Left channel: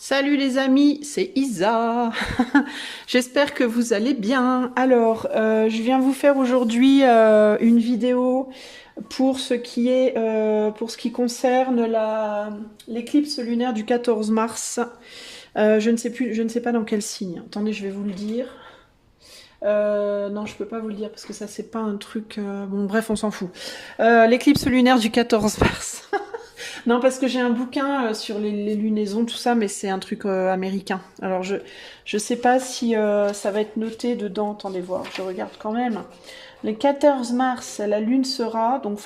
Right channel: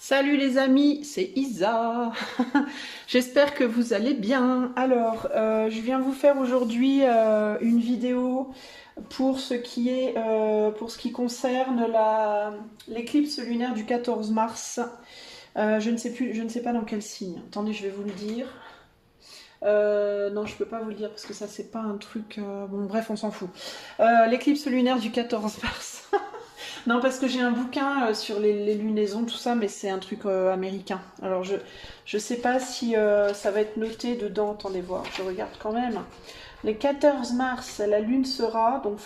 Salut les amis, c'est Isa. J'espère que vous allez bien. Alors, je viens vous faire aujourd'hui une vidéo pour ce qui concerne l'éclipse lunaire du 14 mars. Je ne sais pas dans quel signe. Attendez, je vais vous le dire. Non, je peux pas vous le dire parce que ça c'est pas un truc. Bon, bref, on s'en fout. L'éclipse lunaire du 14 mars. Non, parce que j'ai un bouquin sur les lunaisons, tout ça, mais c'est un truc américain. Alors, je sais pas si ça va être noté dedans. Attendez voir, je regarde quand même. Le 14 mars, la lune sera, donc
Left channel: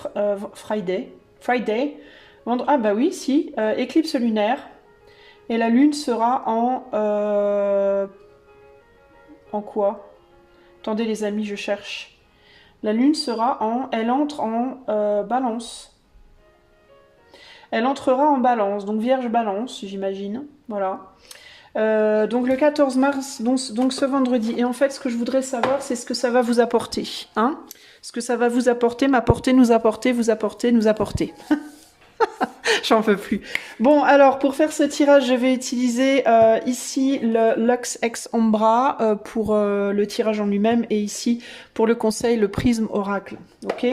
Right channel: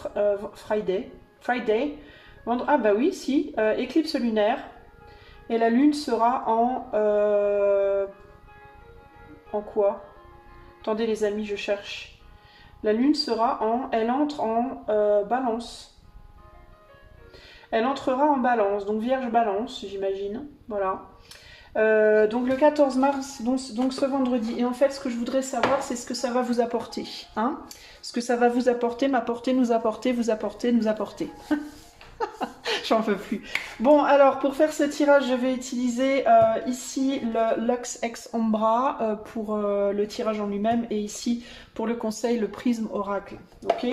Friday. Friday. Ah bah oui, si. Éclipse lunaire. Et la lune sera en quoi? Attendez les amis, je cherche. La lune sera en... Elle entre en balance. Elle entrera en balance, donc vierge balance, j'imagine. Voilà. Donc le 14 mars, donc ce vendredi. Et en fait, ce que je voudrais savoir, c'est ce que ça va vous apporter. Hein, ce que ça va vous apporter, m'apporter, nous apporter, vous apporter, nous apporter. J'en peux plus. Bon, alors pour faire ce tirage, je vais utiliser ici le Lux Ex Ombra pour le tirage en lui-même et ici pour le conseil, le prisme oracle. Ok.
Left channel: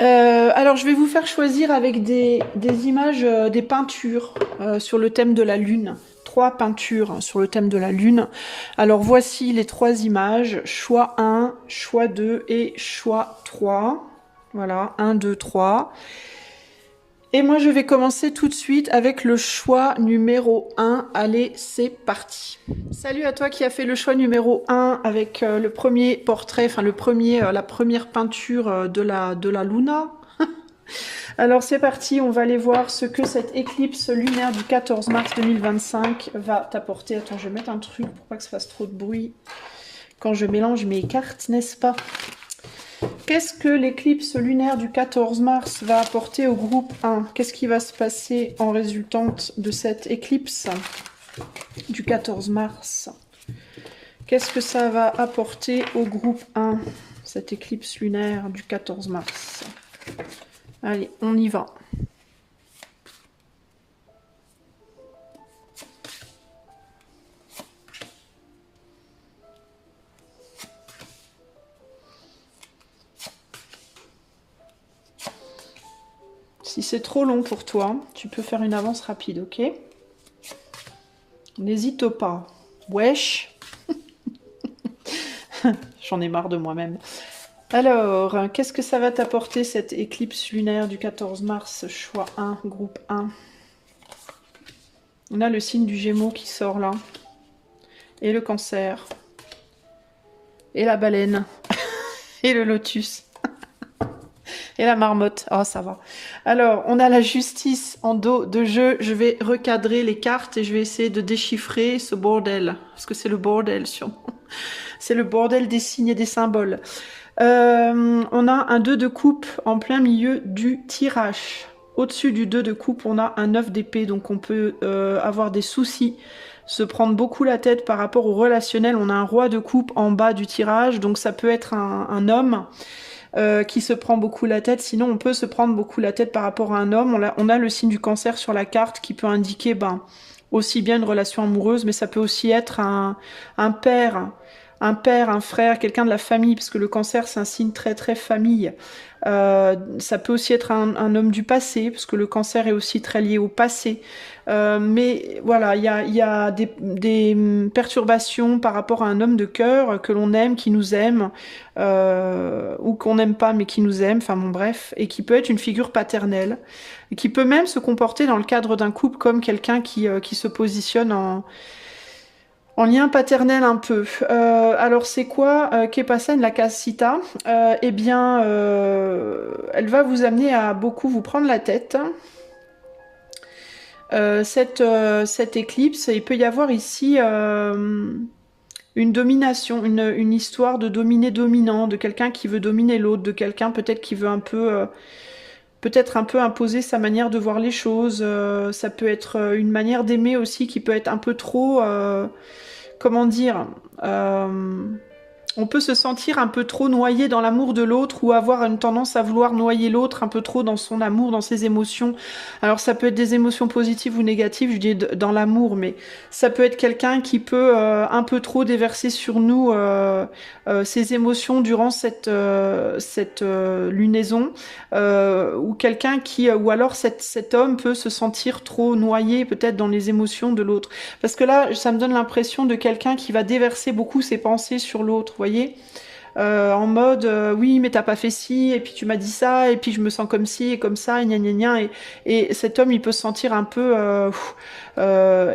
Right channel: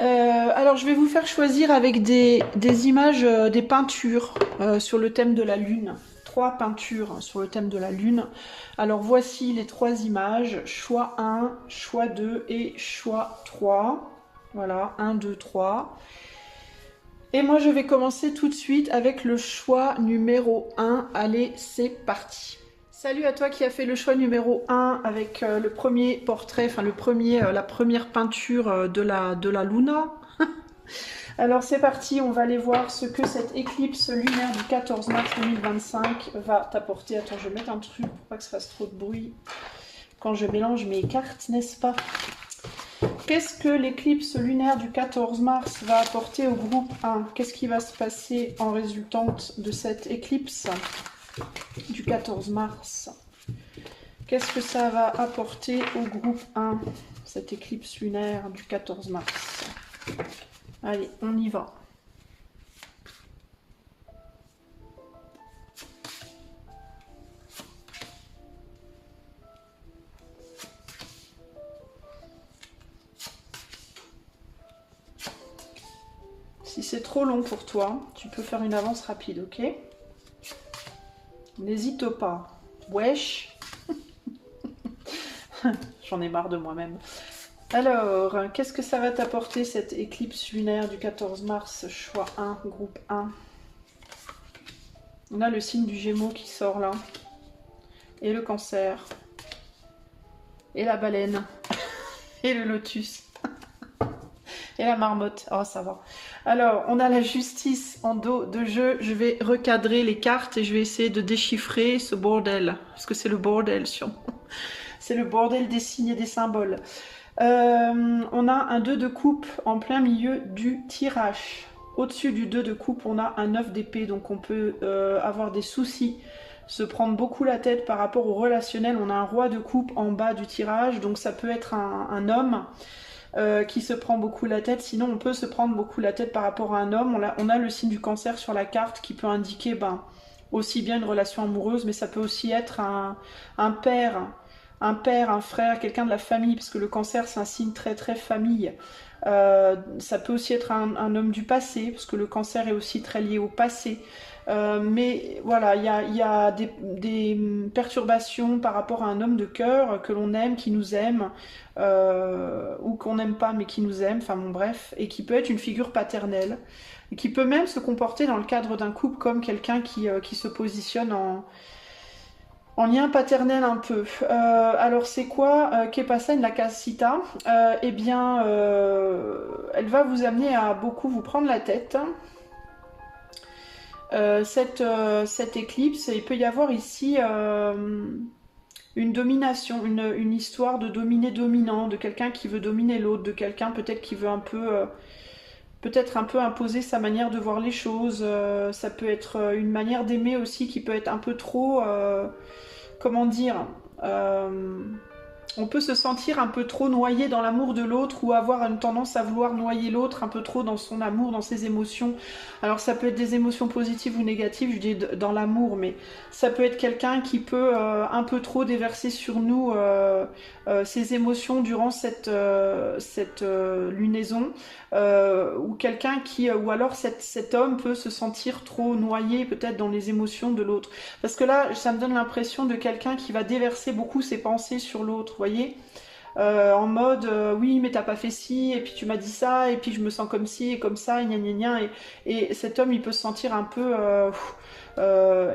Alors, je vais vous faire choisir avec des images, des peintures sur le thème de la Lune. 3 peintures sur le thème de la Lune. Alors, voici les 3 images. Choix 1, choix 2 et choix 3. Voilà, 1, 2, 3. Et moi, je vais commencer tout de suite avec le choix numéro 1. Allez, c'est parti. Salut à toi qui as fait le choix numéro 1 avec le premier portrait, enfin la première peinture de la Luna. Alors c'est parti, on va aller voir ce que cette éclipse lunaire du 14 mars 2025 va t'apporter. Attends, je vais mettre un truc pour pas que ça fasse trop de bruit quand je mélange mes cartes, n'est-ce pas? Qu'est-ce que l'éclipse lunaire du 14 mars va apporter au groupe 1? Qu'est-ce qui va se passer en résultante de cette éclipse du 14 mars? Qu'est-ce que ça va apporter au groupe 1, cette éclipse lunaire du 14 mars? Allez, on y va. Si c'est trop long pour toi, tu peux faire une avance rapide, ok? N'hésite pas. Wesh. J'en ai marre de moi-même. Alors, qu'est-ce que ça va t'apporter cette éclipse lunaire du 14 mars, choix 1, groupe 1? On a le signe du Gémeaux qui sort là. Et le Cancer. Et la baleine. Et le lotus. Et la marmotte. Oh, ça va. Alors, on a la justice en dos de jeu. Je vais recadrer les cartes et je vais essayer de déchiffrer ce bordel. Parce que c'est le bordel, sûrement. C'est le bordel des signes et des symboles. On a un 2 de coupe en plein milieu du tirage. Au-dessus du 2 de coupe, on a un 9 d'épée. Donc, on peut avoir des soucis, se prendre beaucoup la tête par rapport au relationnel. On a un roi de coupe en bas du tirage. Donc, ça peut être un homme qui se prend beaucoup la tête. Sinon, on peut se prendre beaucoup la tête par rapport à un homme. On a le signe du Cancer sur la carte qui peut indiquer aussi bien une relation amoureuse, mais ça peut aussi être un père, un frère, quelqu'un de la famille, parce que le Cancer, c'est un signe très très famille. Ça peut aussi être un homme du passé, parce que le Cancer est aussi très lié au passé. Mais voilà, il y a des perturbations par rapport à un homme de cœur que l'on aime, qui nous aime, ou qu'on n'aime pas mais qui nous aime, enfin bon bref, et qui peut être une figure paternelle, et qui peut même se comporter dans le cadre d'un couple comme quelqu'un qui se positionne en lien paternel un peu. Alors c'est quoi Kepasen, la Casita? Eh bien, elle va vous amener à beaucoup vous prendre la tête. Cette éclipse, il peut y avoir ici une domination, une histoire de dominer-dominant, de quelqu'un qui veut dominer l'autre, de quelqu'un peut-être qui veut peut-être un peu imposer sa manière de voir les choses. Ça peut être une manière d'aimer aussi qui peut être un peu trop, comment dire, on peut se sentir un peu trop noyé dans l'amour de l'autre ou avoir une tendance à vouloir noyer l'autre un peu trop dans son amour, dans ses émotions. Alors ça peut être des émotions positives ou négatives, je dis dans l'amour, mais ça peut être quelqu'un qui peut un peu trop déverser sur nous ses émotions durant cette lunaison, ou quelqu'un qui, ou alors cet homme peut se sentir trop noyé peut-être dans les émotions de l'autre. Parce que là, ça me donne l'impression de quelqu'un qui va déverser beaucoup ses pensées sur l'autre, vous voyez, en mode oui mais t'as pas fait ci et puis tu m'as dit ça et puis je me sens comme ci et comme ça et gna gna gna et cet homme il peut se sentir un peu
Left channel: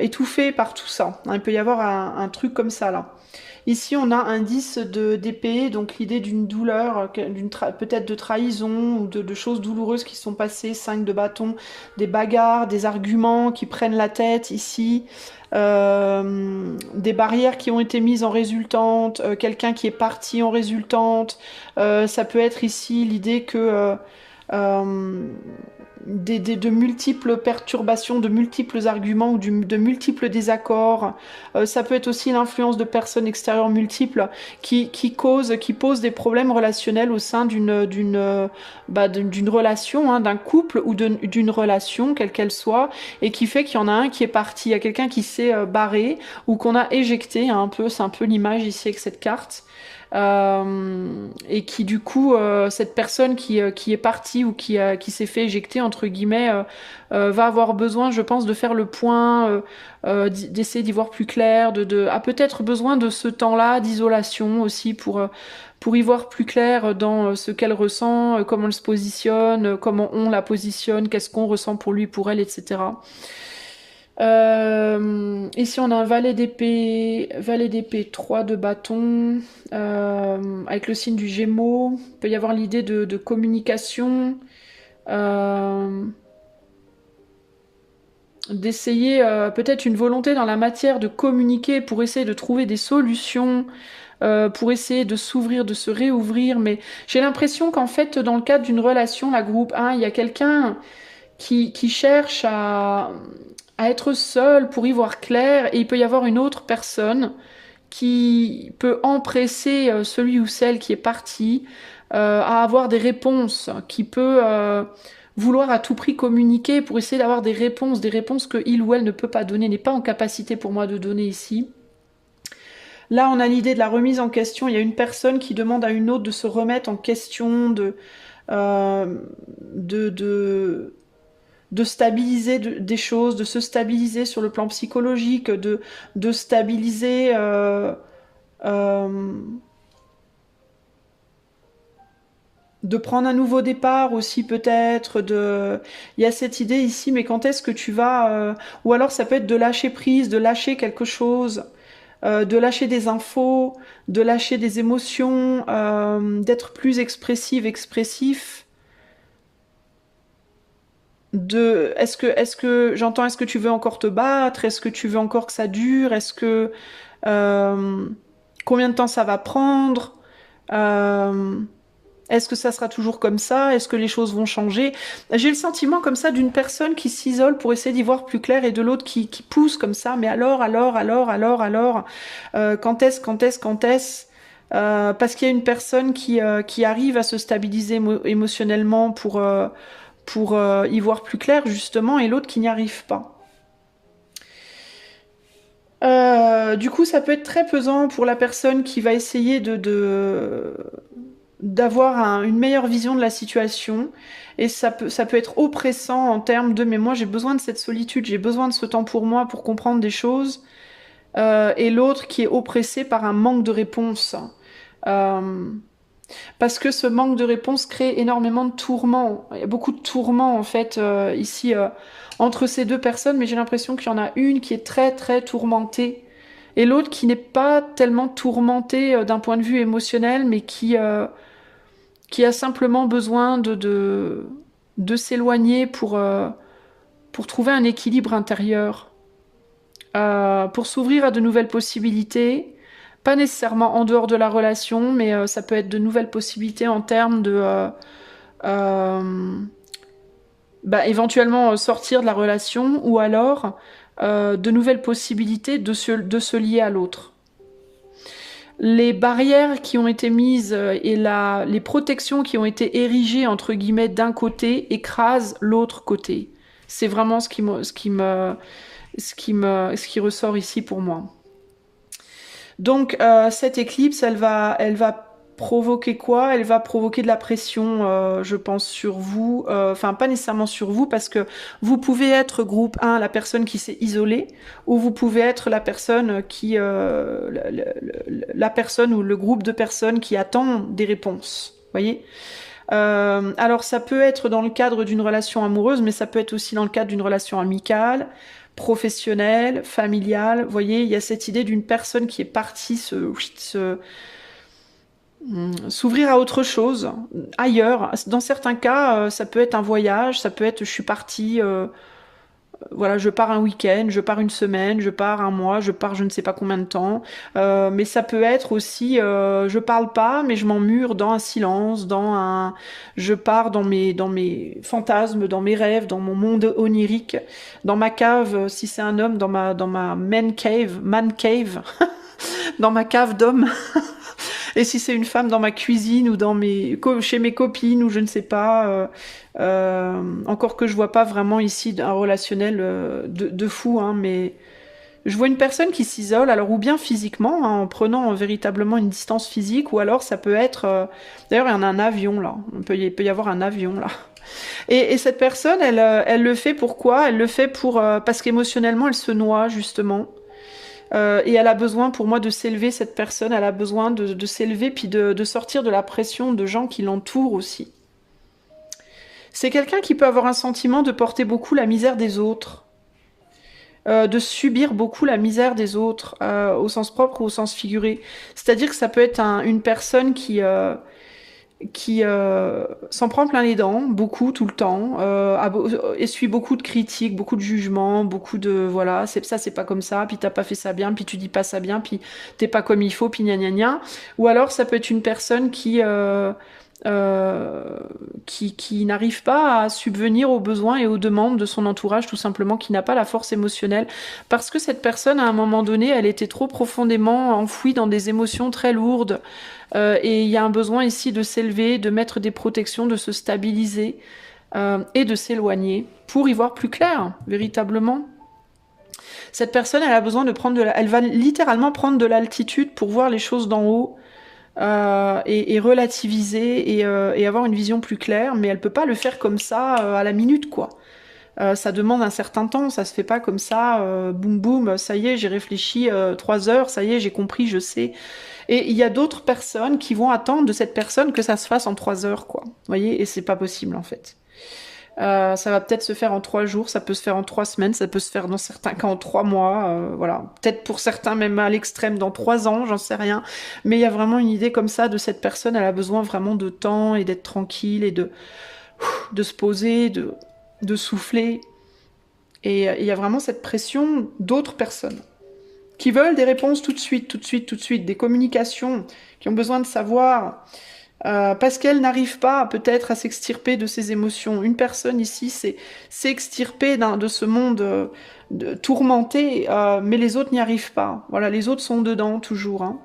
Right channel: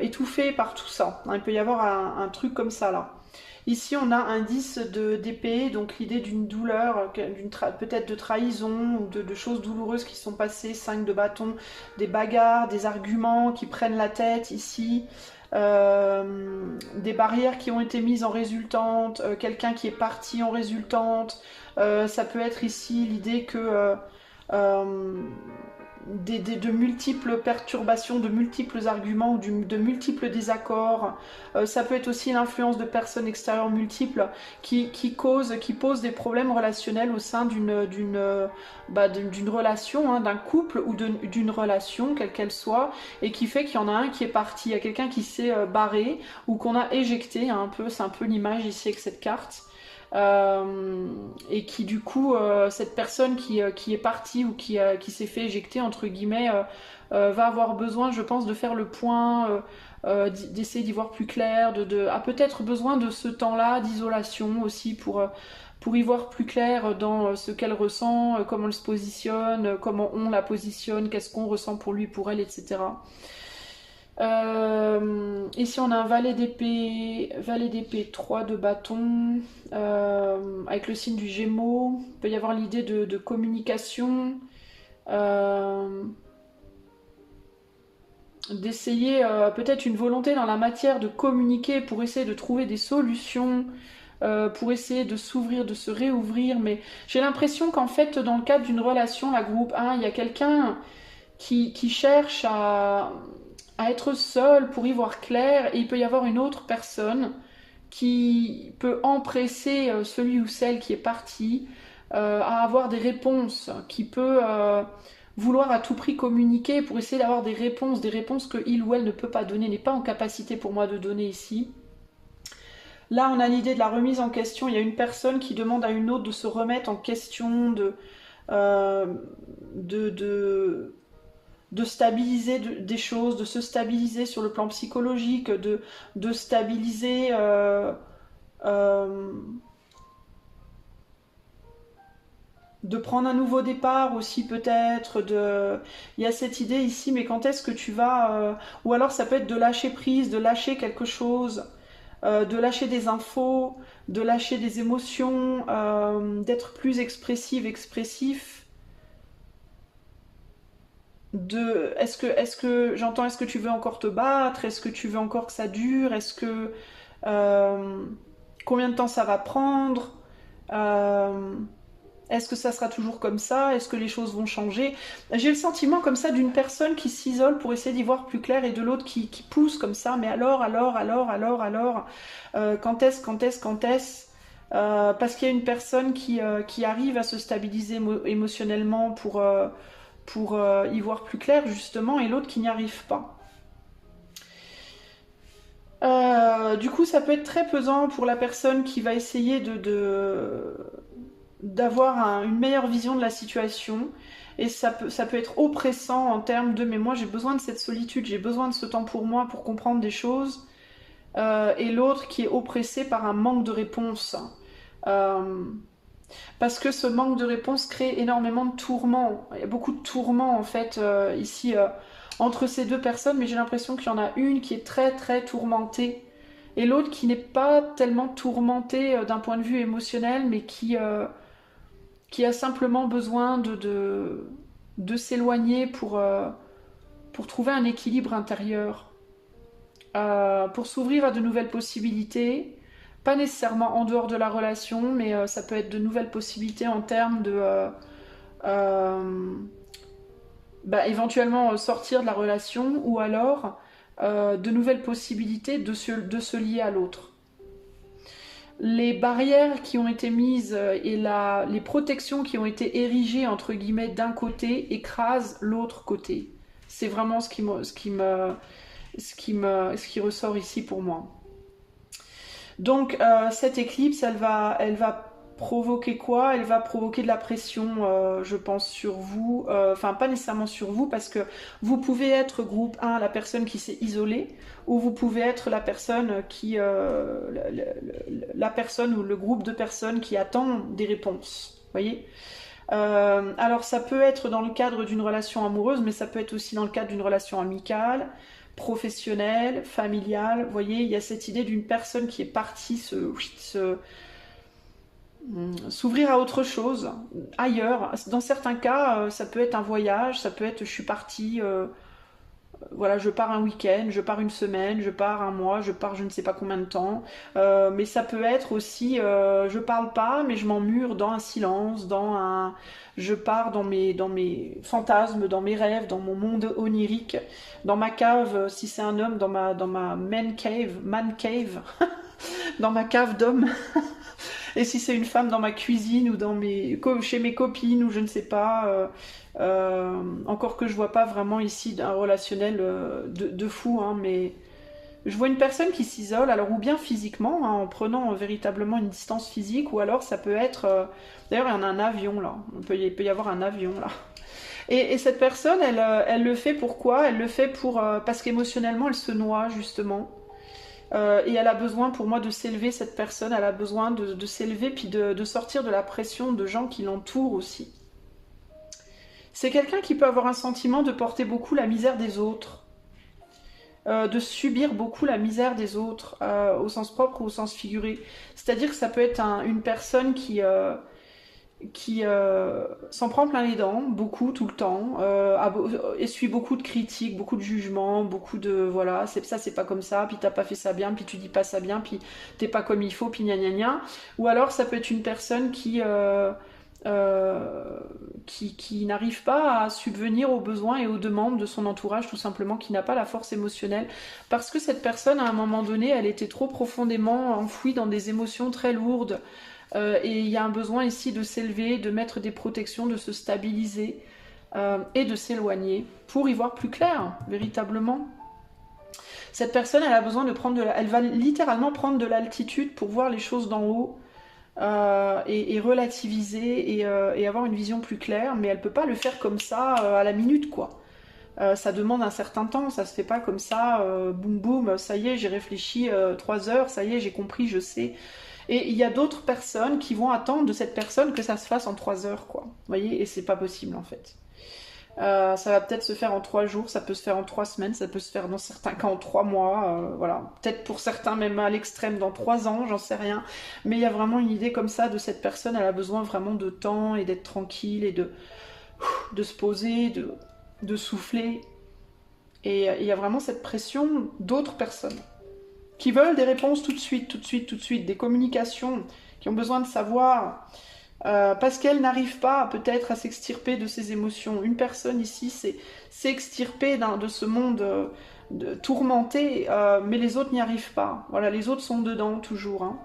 étouffé par tout ça, hein. Il peut y avoir un truc comme ça là. Ici, on a un 10 d'épée, donc l'idée d'une douleur, peut-être de trahison ou de choses douloureuses qui sont passées, 5 de bâton, des bagarres, des arguments qui prennent la tête ici, des barrières qui ont été mises en résultante, quelqu'un qui est parti en résultante. Ça peut être ici l'idée que de multiples perturbations, de multiples arguments ou de multiples désaccords. Ça peut être aussi l'influence de personnes extérieures multiples qui posent des problèmes relationnels au sein d'une relation, hein, d'un couple ou d'une relation, quelle qu'elle soit, et qui fait qu'il y en a un qui est parti, il y a quelqu'un qui s'est barré ou qu'on a éjecté, hein, c'est un peu l'image ici avec cette carte. Et qui du coup, cette personne qui est partie ou qui s'est fait éjecter, entre guillemets, va avoir besoin, je pense, de faire le point, d'essayer d'y voir plus clair, a peut-être besoin de ce temps-là d'isolation aussi pour y voir plus clair dans ce qu'elle ressent, comment elle se positionne, comment on la positionne, qu'est-ce qu'on ressent pour lui, pour elle, etc. Ici on a un valet d'épée, 3 de bâton, avec le signe du Gémeaux. Il peut y avoir l'idée de communication, d'essayer peut-être une volonté dans la matière de communiquer pour essayer de trouver des solutions, pour essayer de s'ouvrir, de se réouvrir. Mais j'ai l'impression qu'en fait dans le cadre d'une relation, la groupe 1, il y a quelqu'un qui cherche à être seul pour y voir clair, et il peut y avoir une autre personne qui peut empresser celui ou celle qui est parti à avoir des réponses, qui peut vouloir à tout prix communiquer pour essayer d'avoir des réponses que il ou elle ne peut pas donner, n'est pas en capacité pour moi de donner ici. Là, on a l'idée de la remise en question. Il y a une personne qui demande à une autre de se remettre en question, de stabiliser des choses, de se stabiliser sur le plan psychologique, de stabiliser de prendre un nouveau départ aussi peut-être, il y a cette idée ici, mais quand est-ce que tu vas ou alors ça peut être de lâcher prise, de lâcher quelque chose, de lâcher des infos, de lâcher des émotions, d'être plus expressif. Est-ce que tu veux encore te battre, est-ce que tu veux encore que ça dure, euh, combien de temps ça va prendre, est-ce que ça sera toujours comme ça, est-ce que les choses vont changer. J'ai le sentiment comme ça d'une personne qui s'isole pour essayer d'y voir plus clair et de l'autre qui pousse comme ça, mais alors, quand est-ce, parce qu'il y a une personne qui arrive à se stabiliser émotionnellement pour y voir plus clair justement, et l'autre qui n'y arrive pas. Du coup, ça peut être très pesant pour la personne qui va essayer d'avoir une meilleure vision de la situation, et ça peut être oppressant en termes de mais moi j'ai besoin de cette solitude, j'ai besoin de ce temps pour moi pour comprendre des choses, et l'autre qui est oppressé par un manque de réponse. Euh, Parce que ce manque de réponse crée énormément de tourments. Il y a beaucoup de tourments en fait ici entre ces deux personnes, mais j'ai l'impression qu'il y en a une qui est très très tourmentée et l'autre qui n'est pas tellement tourmentée d'un point de vue émotionnel, mais qui a simplement besoin de s'éloigner pour trouver un équilibre intérieur, pour s'ouvrir à de nouvelles possibilités. Pas nécessairement en dehors de la relation, mais ça peut être de nouvelles possibilités en termes euh, éventuellement sortir de la relation, ou alors de nouvelles possibilités de se lier à l'autre. les barrières qui ont été mises et les protections qui ont été érigées, entre guillemets, d'un côté, écrasent l'autre côté. C'est vraiment ce qui ressort ici pour moi. Donc cette éclipse, elle va provoquer quoi? Elle va provoquer de la pression, je pense, sur vous. Enfin, pas nécessairement sur vous, parce que vous pouvez être groupe 1, la personne qui s'est isolée, ou vous pouvez être la personne qui, la personne ou le groupe de personnes qui attend des réponses. Vous voyez? Alors ça peut être dans le cadre d'une relation amoureuse, mais ça peut être aussi dans le cadre d'une relation amicale, professionnelle, familiale. Vous voyez, il y a cette idée d'une personne qui est partie s'ouvrir à autre chose, ailleurs. Dans certains cas, ça peut être un voyage, ça peut être je suis partie, voilà, je pars un week-end, je pars une semaine, je pars un mois, je pars je ne sais pas combien de temps. Mais ça peut être aussi, je parle pas, mais je m'emmure dans un silence, je pars dans mes fantasmes, dans mes rêves, dans mon monde onirique, dans ma cave, si c'est un homme, dans ma man cave, dans ma cave d'homme. Et si c'est une femme, dans ma cuisine ou chez mes copines ou je ne sais pas. Encore que je vois pas vraiment ici un relationnel de fou, hein, mais je vois une personne qui s'isole, alors ou bien physiquement, hein, en prenant véritablement une distance physique, ou alors ça peut être... D'ailleurs, il y en a un avion là, il peut y avoir un avion là. Et cette personne, elle le fait pourquoi? Elle le fait parce qu'émotionnellement, elle se noie justement. Et elle a besoin, pour moi, de s'élever, cette personne. Elle a besoin de s'élever, puis de sortir de la pression de gens qui l'entourent aussi. C'est quelqu'un qui peut avoir un sentiment de porter beaucoup la misère des autres, de subir beaucoup la misère des autres, au sens propre ou au sens figuré. C'est-à-dire que ça peut être une personne qui s'en prend plein les dents, beaucoup, tout le temps, essuie beaucoup de critiques, beaucoup de jugements, beaucoup de, voilà, c'est pas comme ça, puis t'as pas fait ça bien, puis tu dis pas ça bien, puis t'es pas comme il faut, puis gna gna gna. Ou alors ça peut être une personne qui n'arrive pas à subvenir aux besoins et aux demandes de son entourage, tout simplement, qui n'a pas la force émotionnelle, parce que cette personne, à un moment donné, elle était trop profondément enfouie dans des émotions très lourdes, et il y a un besoin ici de s'élever, de mettre des protections, de se stabiliser, et de s'éloigner, pour y voir plus clair, véritablement. Cette personne, elle a besoin de elle va littéralement prendre de l'altitude pour voir les choses d'en haut, et relativiser et avoir une vision plus claire, mais elle peut pas le faire comme ça à la minute, quoi. Ça demande un certain temps, ça se fait pas comme ça, boum boum, ça y est, j'ai réfléchi 3 heures, ça y est, j'ai compris, je sais. Et il y a d'autres personnes qui vont attendre de cette personne que ça se fasse en 3 heures, quoi. Vous voyez, et c'est pas possible en fait. Ça va peut-être se faire en 3 jours, ça peut se faire en 3 semaines, ça peut se faire dans certains cas en 3 mois, voilà. Peut-être pour certains même à l'extrême dans 3 ans, j'en sais rien. Mais il y a vraiment une idée comme ça de cette personne, elle a besoin vraiment de temps et d'être tranquille et de se poser, de souffler. Et il y a vraiment cette pression d'autres personnes qui veulent des réponses tout de suite, tout de suite, tout de suite, des communications, qui ont besoin de savoir... parce qu'elle n'arrive pas peut-être à s'extirper de ses émotions. Une personne ici s'est extirpée de ce monde tourmenté, mais les autres n'y arrivent pas. Voilà, les autres sont dedans toujours. Hein.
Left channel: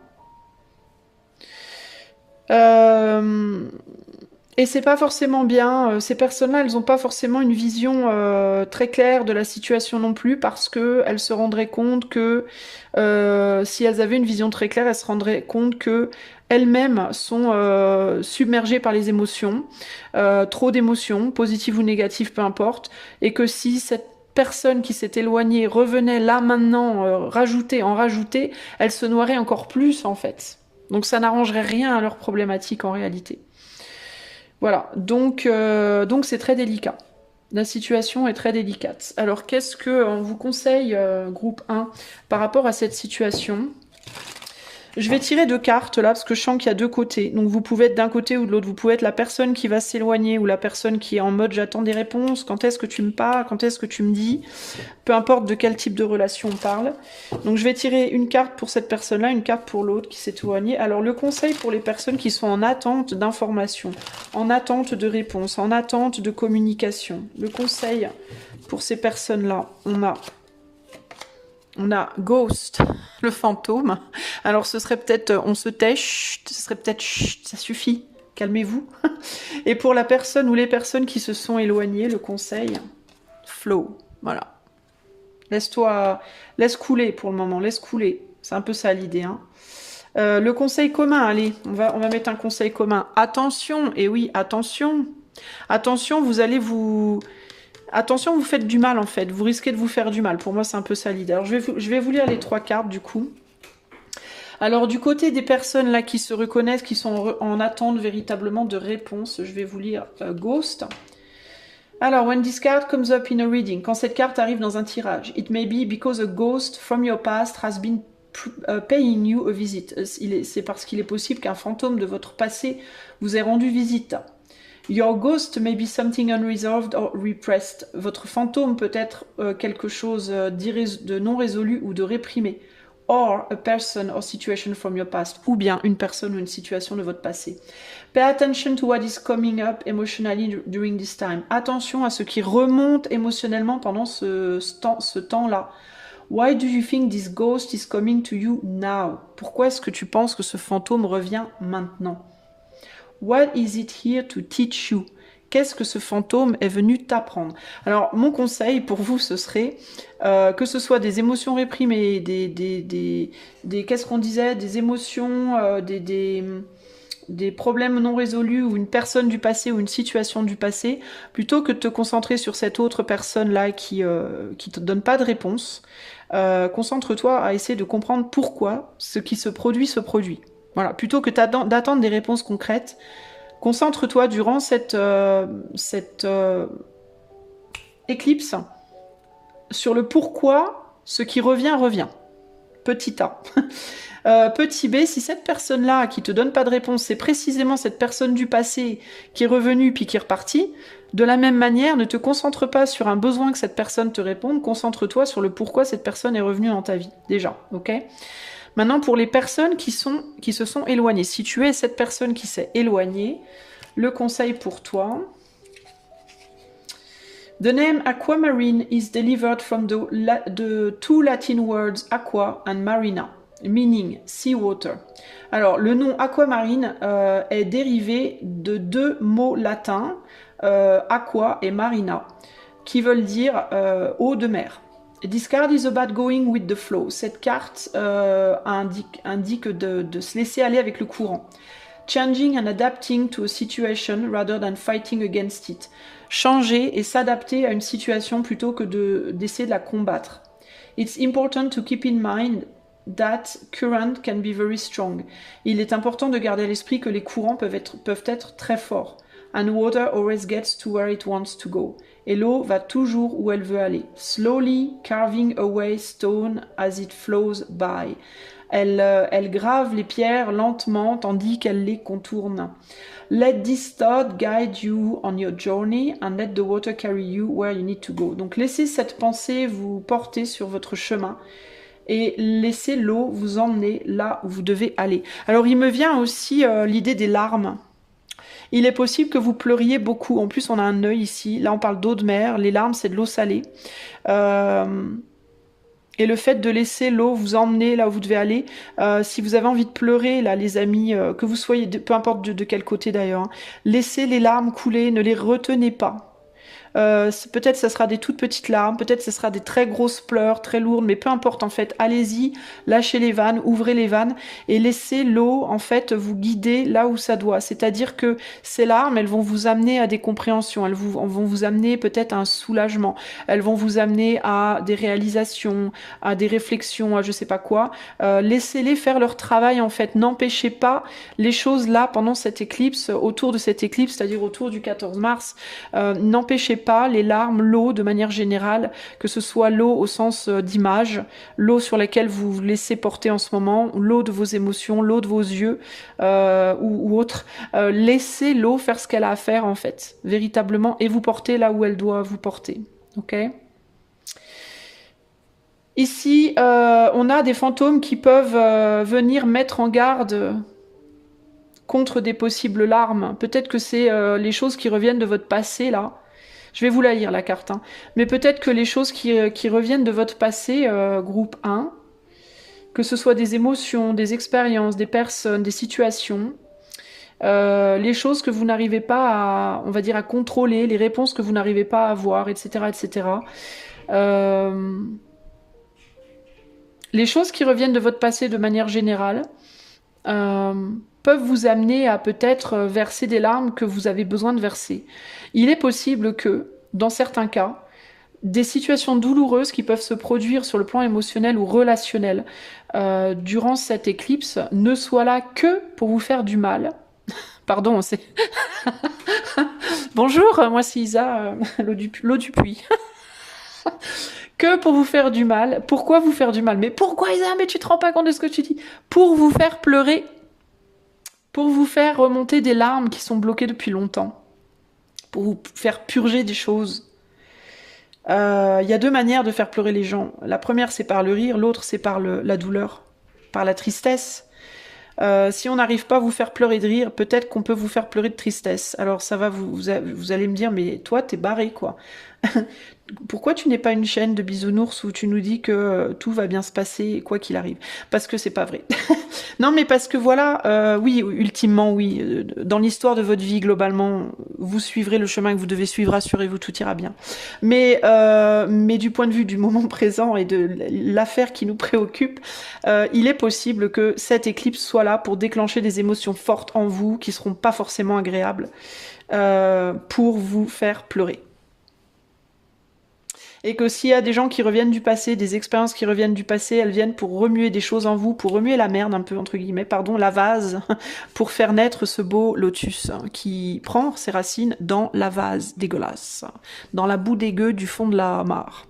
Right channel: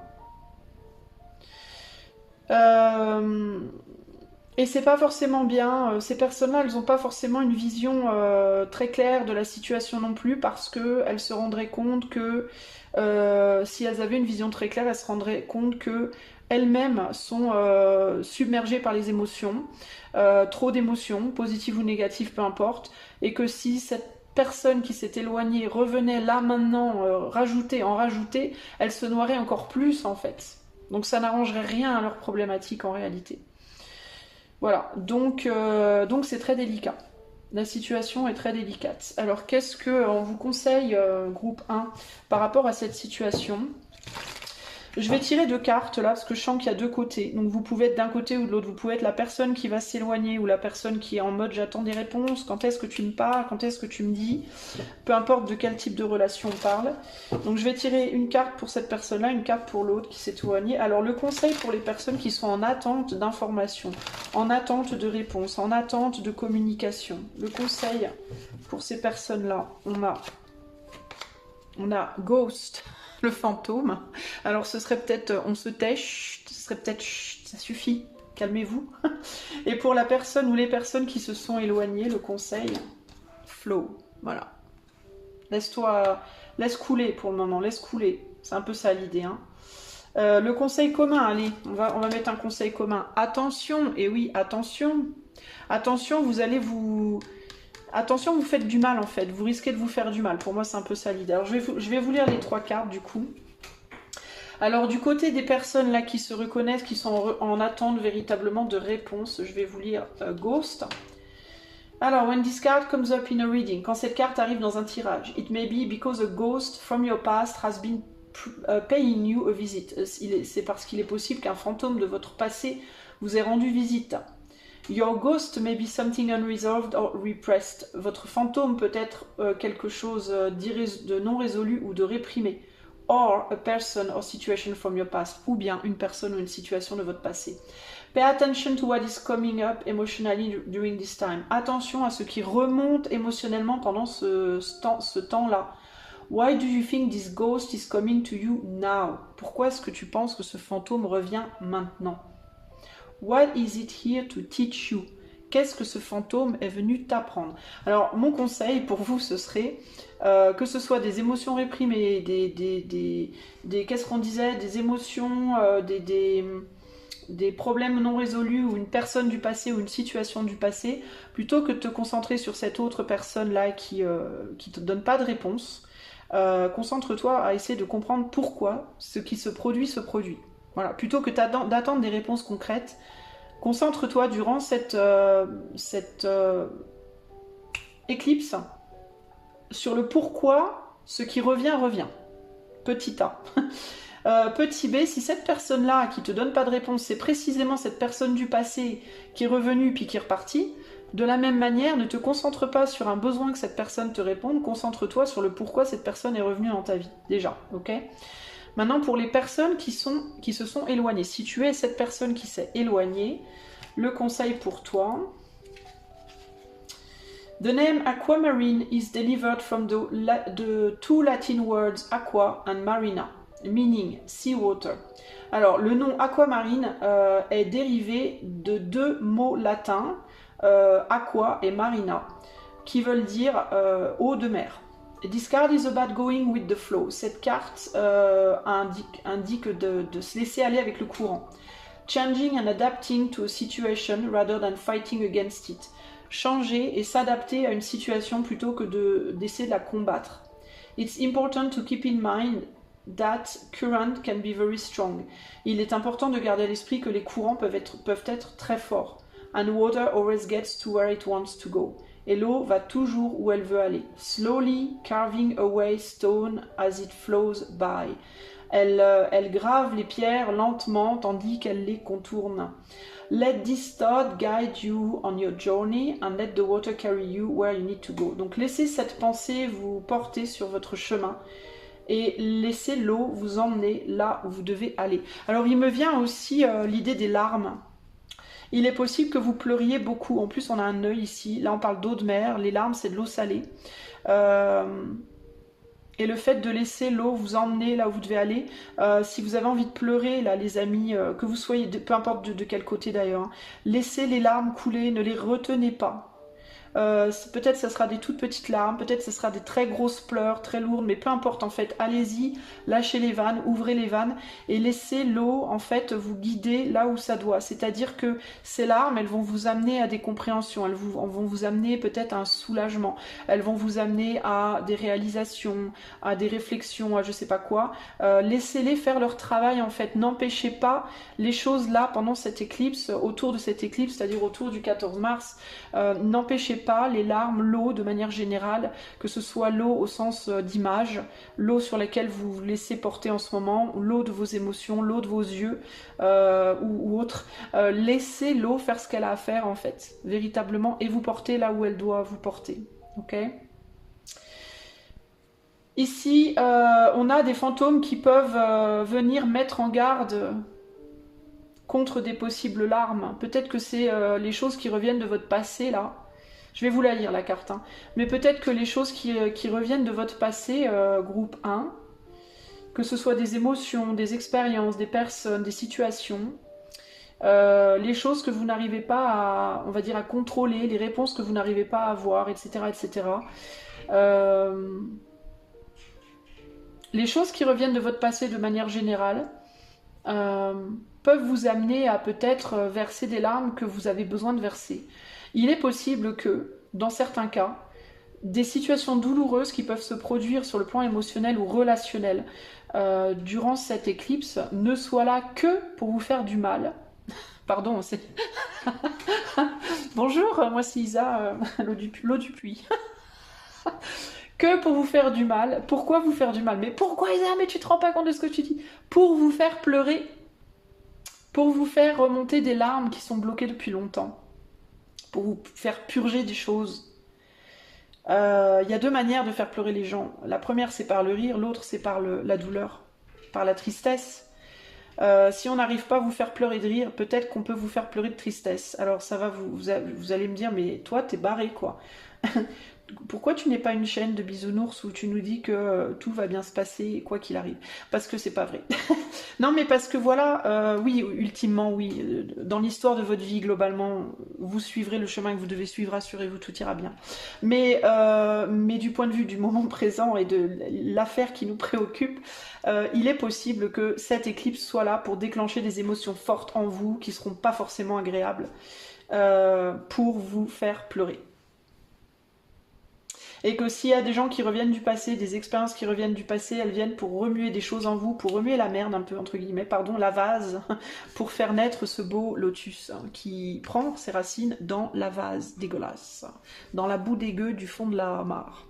Et c'est pas forcément bien. Ces personnes-là, elles n'ont pas forcément une vision très claire de la situation non plus, parce qu'elles se rendraient compte que si elles avaient une vision très claire, elles se rendraient compte que elles-mêmes sont submergées par les émotions, trop d'émotions, positives ou négatives, peu importe, et que si cette personne qui s'est éloignée revenait là maintenant, en rajouter, elle se noierait encore plus en fait. Donc ça n'arrangerait rien à leur problématique en réalité. Voilà, donc c'est très délicat. La situation est très délicate. Alors qu'est-ce qu'on vous conseille, groupe 1, par rapport à cette situation ? Je vais tirer 2 cartes là, parce que je sens qu'il y a 2 côtés. Donc vous pouvez être d'un côté ou de l'autre. Vous pouvez être la personne qui va s'éloigner ou la personne qui est en mode j'attends des réponses. Quand est-ce que tu me parles? Quand est-ce que tu me dis? Peu importe de quel type de relation on parle. Donc je vais tirer une carte pour cette personne-là, une carte pour l'autre qui s'est éloignée. Alors le conseil pour les personnes qui sont en attente d'informations, en attente de réponses, en attente de communication. Le conseil pour ces personnes-là, on a On a Ghost, le fantôme. Alors ce serait peut-être, on se tait, chut, ce serait peut-être, chut, ça suffit, calmez-vous. Et pour la personne ou les personnes qui se sont éloignées, le conseil, flow, voilà. Laisse couler pour le moment, laisse couler. C'est un peu ça l'idée. Hein. Le conseil commun, allez, on va mettre un conseil commun. Attention, et oui, attention. Attention, Attention, vous faites du mal en fait. Vous risquez de vous faire du mal. Pour moi, c'est un peu ça l'idée. Alors, je vais vous lire les 3 cartes du coup. Alors, du côté des personnes là qui se reconnaissent, qui sont en attente véritablement de réponse, je vais vous lire Ghost. Alors, when this card comes up in a reading, quand cette carte arrive dans un tirage, it may be because a ghost from your past has been paying you a visit. C'est parce qu'il est possible qu'un fantôme de votre passé vous ait rendu visite. Your ghost may be something unresolved or repressed. Votre fantôme peut être quelque chose de non résolu ou de réprimé. Or a person or situation from your past. Ou bien une personne ou une situation de votre passé. Pay attention to what is coming up emotionally during this time. Attention à ce qui remonte émotionnellement pendant ce temps-là. Why do you think this ghost is coming to you now? Pourquoi est-ce que tu penses que ce fantôme revient maintenant? What is it here to teach you? Qu'est-ce que ce fantôme est venu t'apprendre? Alors, mon conseil pour vous, ce serait que ce soit des émotions réprimées, qu'est-ce qu'on disait? Des émotions, des problèmes non résolus ou une personne du passé ou une situation du passé, plutôt que de te concentrer sur cette autre personne-là qui te donne pas de réponse. Concentre-toi à essayer de comprendre pourquoi ce qui se produit se produit. Voilà, plutôt que d'attendre des réponses concrètes, concentre-toi durant cette éclipse sur le pourquoi ce qui revient, revient. Petit A. Petit B, si cette personne-là qui te donne pas de réponse, c'est précisément cette personne du passé qui est revenue puis qui est repartie, de la même manière, ne te concentre pas sur un besoin que cette personne te réponde, concentre-toi sur le pourquoi cette personne est revenue dans ta vie, déjà, ok ? Maintenant, pour les personnes qui se sont éloignées, si tu es cette personne qui s'est éloignée, le conseil pour toi. The name aquamarine is delivered from the two Latin words aqua and marina, meaning sea water. Alors, le nom aquamarine est dérivé de 2 mots latins, aqua et marina, qui veulent dire eau de mer. This card is about going with the flow. Cette carte indique de se laisser aller avec le courant. Changing and adapting to a situation rather than fighting against it. Changer et s'adapter à une situation plutôt que d'essayer de la combattre. It's important to keep in mind that current can be very strong. Il est important de garder à l'esprit que les courants peuvent être très forts. And water always gets to where it wants to go. Et l'eau va toujours où elle veut aller. Slowly carving away stone as it flows by. Elle grave les pierres lentement tandis qu'elle les contourne. Let this thought guide you on your journey and let the water carry you where you need to go. Donc laissez cette pensée vous porter sur votre chemin et laissez l'eau vous emmener là où vous devez aller. Alors il me vient aussi l'idée des larmes. Il est possible que vous pleuriez beaucoup. En plus, on a un œil ici. Là, on parle d'eau de mer. Les larmes, c'est de l'eau salée. Et le fait de laisser l'eau vous emmener là où vous devez aller. Si vous avez envie de pleurer, là, les amis, que vous soyez, peu importe de quel côté d'ailleurs, hein, laissez les larmes couler, ne les retenez pas. Peut-être ça sera des toutes petites larmes, peut-être ce sera des très grosses pleurs, très lourdes, mais peu importe en fait, allez-y, lâchez les vannes, ouvrez les vannes et laissez l'eau en fait vous guider là où ça doit. C'est-à-dire que ces larmes, elles vont vous amener à des compréhensions, elles vont vous amener peut-être à un soulagement, elles vont vous amener à des réalisations, à des réflexions, à je sais pas quoi. Laissez-les faire leur travail en fait, n'empêchez pas les choses là pendant cette éclipse, autour de cette éclipse, c'est-à-dire autour du 14 mars, n'empêchez pas les larmes, l'eau de manière générale, que ce soit l'eau au sens d'image, l'eau sur laquelle vous vous laissez porter en ce moment, l'eau de vos émotions, l'eau de vos yeux ou autre. Laissez l'eau faire ce qu'elle a à faire en fait, véritablement, et vous porter là où elle doit vous porter. Ok ? Ici, on a des fantômes qui peuvent venir mettre en garde contre des possibles larmes. Peut-être que c'est les choses qui reviennent de votre passé là. Je vais vous la lire, la carte. Hein. Mais peut-être que les choses qui reviennent de votre passé, groupe 1, que ce soit des émotions, des expériences, des personnes, des situations, les choses que vous n'arrivez pas à, on va dire, à contrôler, les réponses que vous n'arrivez pas à avoir, etc., etc. Les choses qui reviennent de votre passé de manière générale peuvent vous amener à peut-être verser des larmes que vous avez besoin de verser. Il est possible que, dans certains cas, des situations douloureuses qui peuvent se produire sur le plan émotionnel ou relationnel durant cette éclipse ne soient là que pour vous faire du mal. Pardon, c'est... Bonjour, moi c'est Isa, l'eau du puits. Que pour vous faire du mal. Pourquoi vous faire du mal? Mais pourquoi Isa? Mais tu te rends pas compte de ce que tu dis? Pour vous faire pleurer. Pour vous faire remonter des larmes qui sont bloquées depuis longtemps. Pour vous faire purger des choses. Il y a deux manières de faire pleurer les gens. La première, c'est par le rire. L'autre, c'est par la douleur. Par la tristesse. Si on n'arrive pas à vous faire pleurer de rire, peut-être qu'on peut vous faire pleurer de tristesse. Alors ça va, vous allez me dire, mais toi, t'es barré, quoi. Pourquoi tu n'es pas une chaîne de bisounours où tu nous dis que tout va bien se passer, quoi qu'il arrive? Parce que c'est pas vrai. Non, mais parce que voilà, oui, ultimement, oui. Dans l'histoire de votre vie, globalement, vous suivrez le chemin que vous devez suivre, rassurez-vous, tout ira bien. Mais du point de vue du moment présent et de l'affaire qui nous préoccupe, il est possible que cette éclipse soit là pour déclencher des émotions fortes en vous qui seront pas forcément agréables pour vous faire pleurer. Et que s'il y a des gens qui reviennent du passé, des expériences qui reviennent du passé, elles viennent pour remuer des choses en vous, pour remuer la merde un peu, entre guillemets, pardon, la vase, pour faire naître ce beau lotus qui prend ses racines dans la vase dégueulasse, dans la boue dégueu du fond de la mare.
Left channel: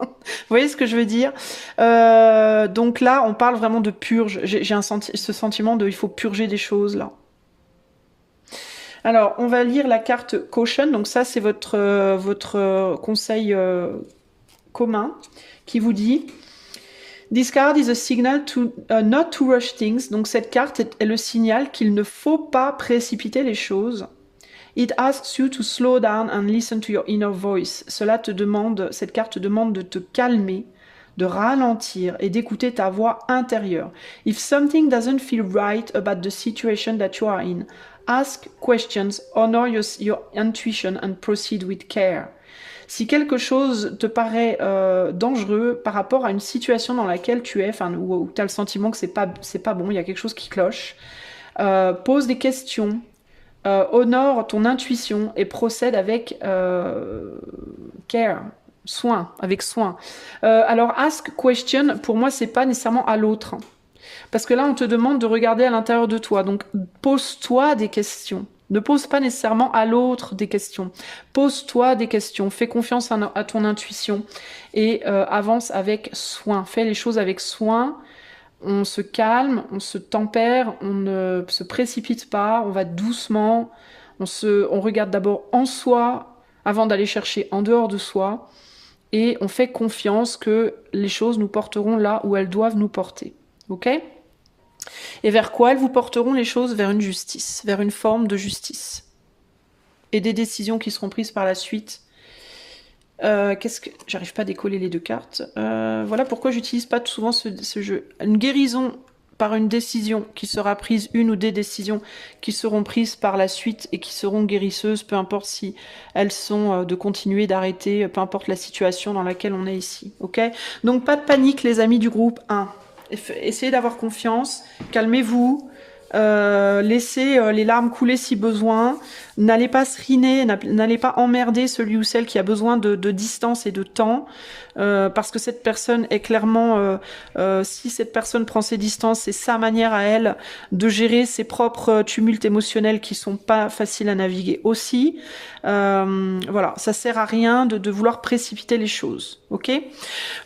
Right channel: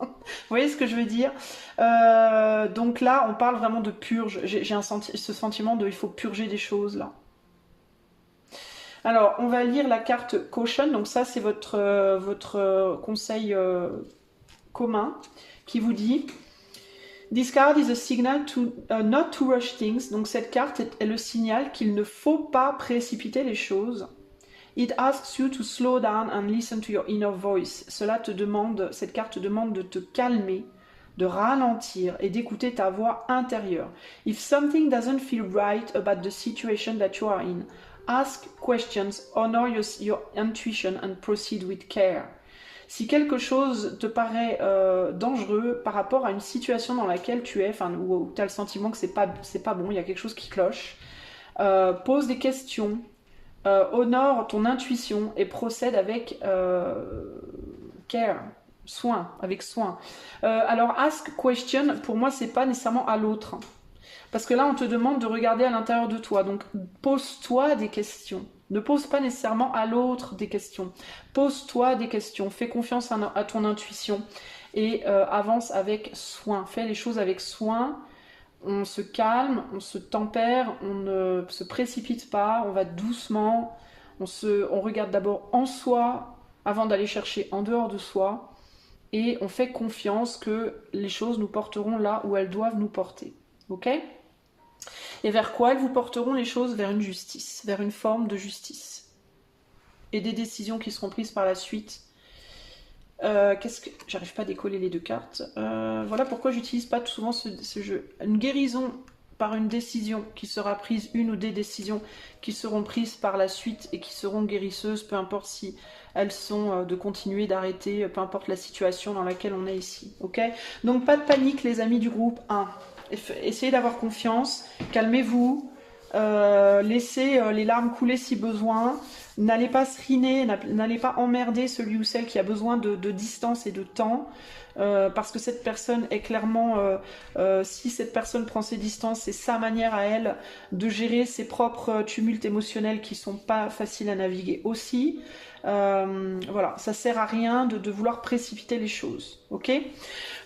Vous voyez ce que je veux dire? Donc là, on parle vraiment de purge. J'ai ce sentiment de il faut purger des choses, là. Alors, on va lire la carte Caution. Donc ça, c'est votre conseil commun qui vous dit « This card is a signal to not to rush things ». Donc cette carte est le signal qu'il ne faut pas précipiter les choses. « It asks you to slow down and listen to your inner voice ». Cela te demande, cette carte te demande de te calmer, de ralentir et d'écouter ta voix intérieure. « If something doesn't feel right about the situation that you are in », ask questions, honor your intuition and proceed with care. Si quelque chose te paraît dangereux par rapport à une situation dans laquelle tu es, enfin, où tu as le sentiment que c'est pas bon, il y a quelque chose qui cloche, pose des questions, honore ton intuition et procède avec care, soin, avec soin. Alors, ask question, pour moi, c'est pas nécessairement à l'autre. Parce que là, on te demande de regarder à l'intérieur de toi. Donc, pose-toi des questions. Ne pose pas nécessairement à l'autre des questions. Pose-toi des questions. Fais confiance à ton intuition. Et avance avec soin. Fais les choses avec soin. On se calme, on se tempère, on ne se précipite pas, on va doucement. On regarde d'abord en soi avant d'aller chercher en dehors de soi. Et on fait confiance que les choses nous porteront là où elles doivent nous porter. Ok ? Et vers quoi elles vous porteront les choses? Vers une justice, vers une forme de justice. Et des décisions qui seront prises par la suite. J'arrive pas à décoller les deux cartes. Voilà pourquoi j'utilise pas souvent ce jeu. Une guérison par une décision qui sera prise, une ou des décisions qui seront prises par la suite et qui seront guérisseuses, peu importe si elles sont de continuer, d'arrêter, peu importe la situation dans laquelle on est ici. Ok ? Donc pas de panique les amis du groupe 1. Essayez d'avoir confiance, calmez-vous, laissez les larmes couler si besoin, n'allez pas seriner, n'allez pas emmerder celui ou celle qui a besoin de distance et de temps, parce que cette personne est clairement, si cette personne prend ses distances, c'est sa manière à elle de gérer ses propres tumultes émotionnels qui sont pas faciles à naviguer aussi. Voilà, ça sert à rien de vouloir précipiter les choses, ok?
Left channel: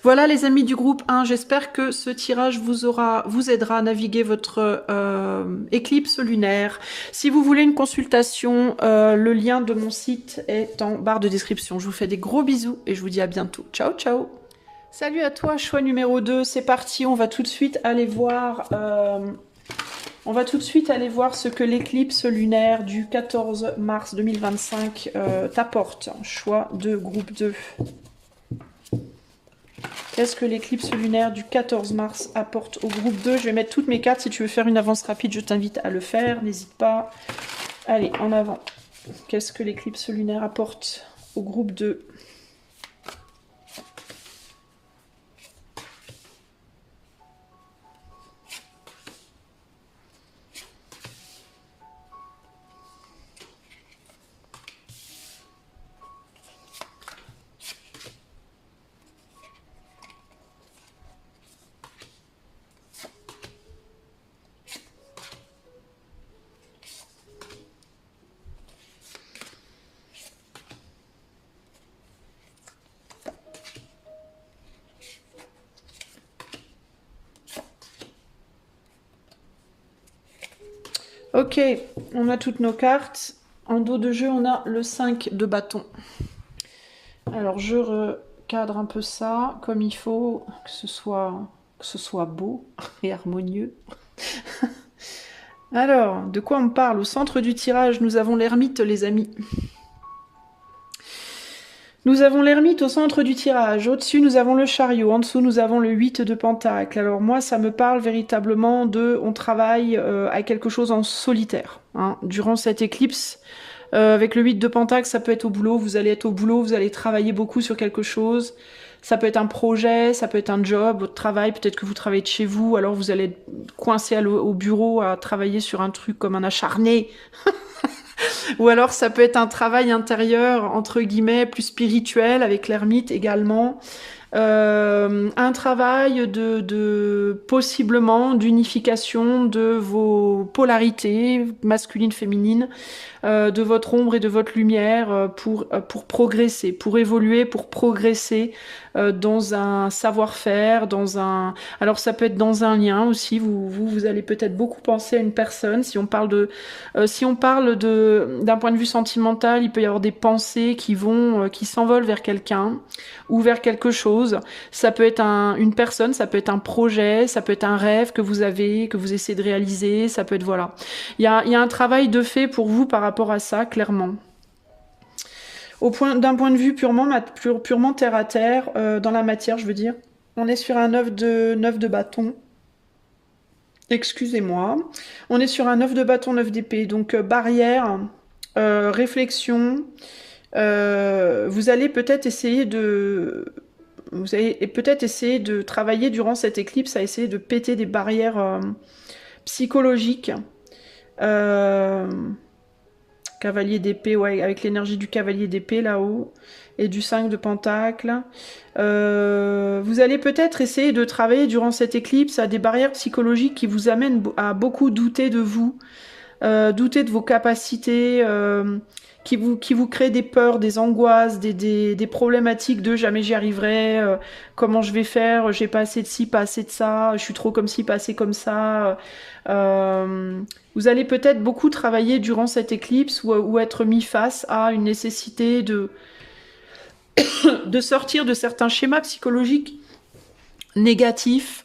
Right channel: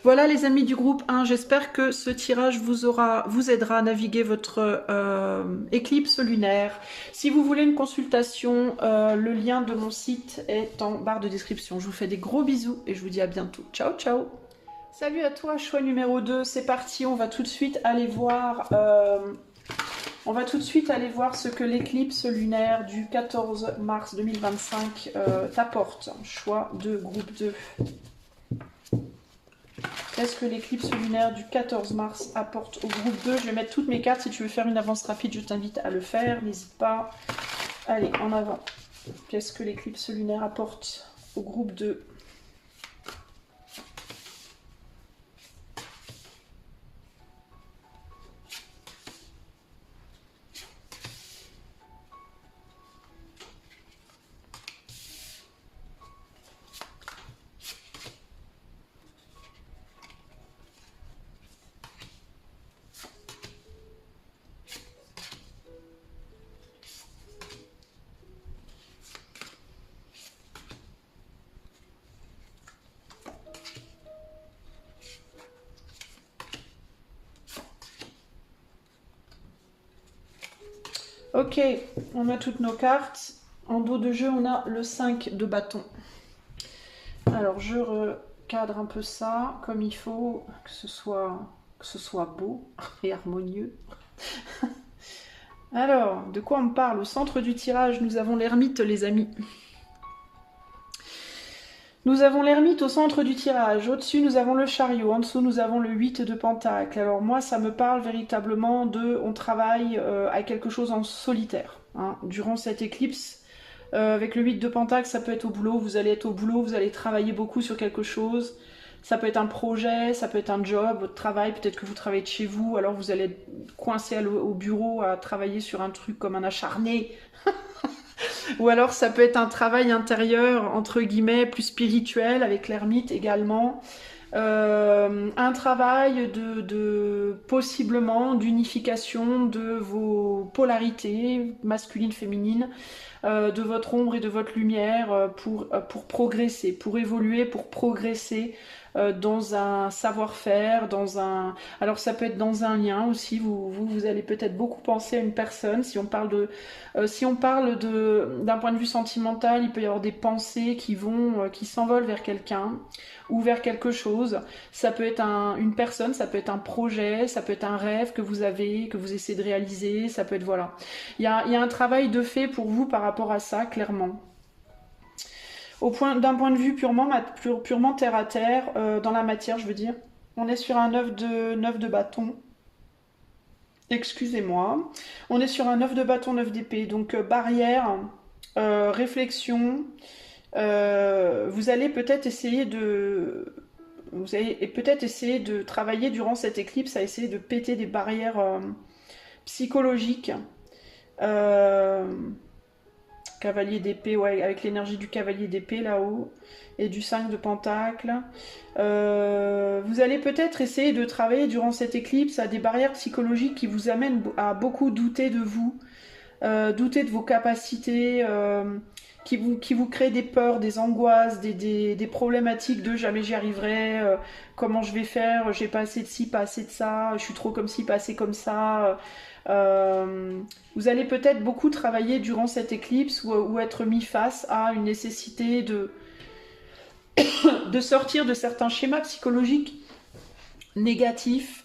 Voilà les amis du groupe 1, j'espère que ce tirage vous aidera à naviguer votre éclipse lunaire. Si vous voulez une consultation, le lien de mon site est en barre de description. Je vous fais des gros bisous et je vous dis à bientôt. Ciao, ciao! Salut à toi, choix numéro 2, c'est parti, on va tout de suite aller voir On va tout de suite aller voir ce que l'éclipse lunaire du 14 mars 2025 t'apporte. Choix de groupe 2. Qu'est-ce que l'éclipse lunaire du 14 mars apporte au groupe 2? Je vais mettre toutes mes cartes. Si tu veux faire une avance rapide, je t'invite à le faire. N'hésite pas. Allez, en avant. Qu'est-ce que l'éclipse lunaire apporte au groupe 2? Ok, on a toutes nos cartes. En dos de jeu, on a le 5 de bâton. Alors, je recadre un peu ça comme il faut, que ce soit beau et harmonieux. Alors, de quoi on parle? Au centre du tirage, nous avons l'ermite, les amis. Nous avons l'ermite au centre du tirage. Au-dessus, nous avons le chariot. En dessous, nous avons le 8 de pentacle. Alors moi, ça me parle véritablement de... On travaille à quelque chose en solitaire. Hein. Durant cette éclipse, avec le 8 de pentacle, ça peut être au boulot. Vous allez être au boulot, vous allez travailler beaucoup sur quelque chose. Ça peut être un projet, ça peut être un job, votre travail. Peut-être que vous travaillez de chez vous. Alors vous allez être coincé au bureau à travailler sur un truc comme un acharné. Ou alors ça peut être un travail intérieur, entre guillemets, plus spirituel, avec l'ermite également. Un travail possiblement d'unification de vos polarités, masculines, féminines, de votre ombre et de votre lumière pour progresser, pour évoluer, pour progresser dans un savoir-faire, dans un... Alors ça peut être dans un lien aussi, vous allez peut-être beaucoup penser à une personne. Si on parle d'un point de vue sentimental, il peut y avoir des pensées qui s'envolent vers quelqu'un ou vers quelque chose. Ça peut être une personne, ça peut être un projet, ça peut être un rêve que vous avez, que vous essayez de réaliser, ça peut être, voilà. Il y a un travail de fait pour vous par rapport à ça, clairement. D'un point de vue purement terre à terre, dans la matière, je veux dire, on est sur un 9 de bâton. Excusez-moi. On est sur un 9 de bâton, 9 d'épée. Donc, barrière, réflexion. Vous allez peut-être essayer de... Vous allez peut-être essayer de travailler durant cette éclipse à essayer de péter des barrières psychologiques. Cavalier d'épée, ouais, avec l'énergie du cavalier d'épée là-haut et du 5 de pentacle. Vous allez peut-être essayer de travailler durant cette éclipse à des barrières psychologiques qui vous amènent à beaucoup douter de vous, douter de vos capacités, qui vous créent des peurs, des angoisses, des problématiques de jamais j'y arriverai, comment je vais faire, j'ai pas assez de ci, pas assez de ça, je suis trop comme ci, pas assez comme ça. Vous allez peut-être beaucoup travailler durant cette éclipse ou être mis face à une nécessité de sortir de certains schémas psychologiques négatifs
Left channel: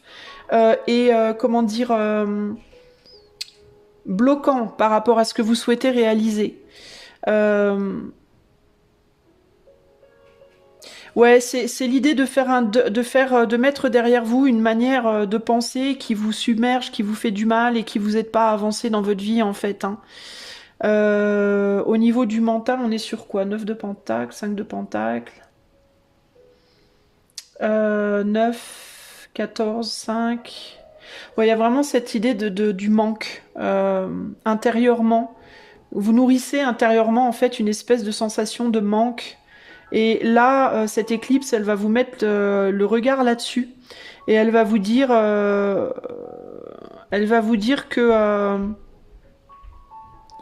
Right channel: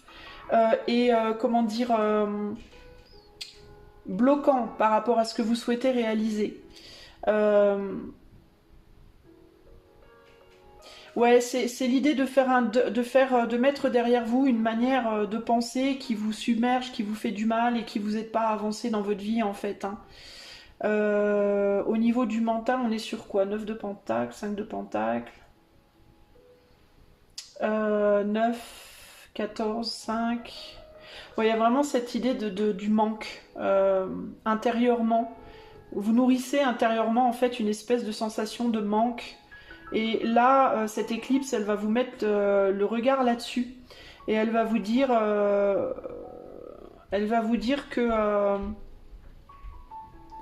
comment dire, bloquants par rapport à ce que vous souhaitez réaliser. Ouais, c'est l'idée de mettre derrière vous une manière de penser qui vous submerge, qui vous fait du mal et qui vous aide pas à avancer dans votre vie en fait. Hein. Au niveau du mental, on est sur quoi? 9 de pentacle, 5 de pentacle, 9, 14, 5. Ouais, il y a vraiment cette idée du manque intérieurement. Vous nourrissez intérieurement en fait une espèce de sensation de manque. Et là, cette éclipse, elle va vous mettre le regard là-dessus. Et elle va vous dire que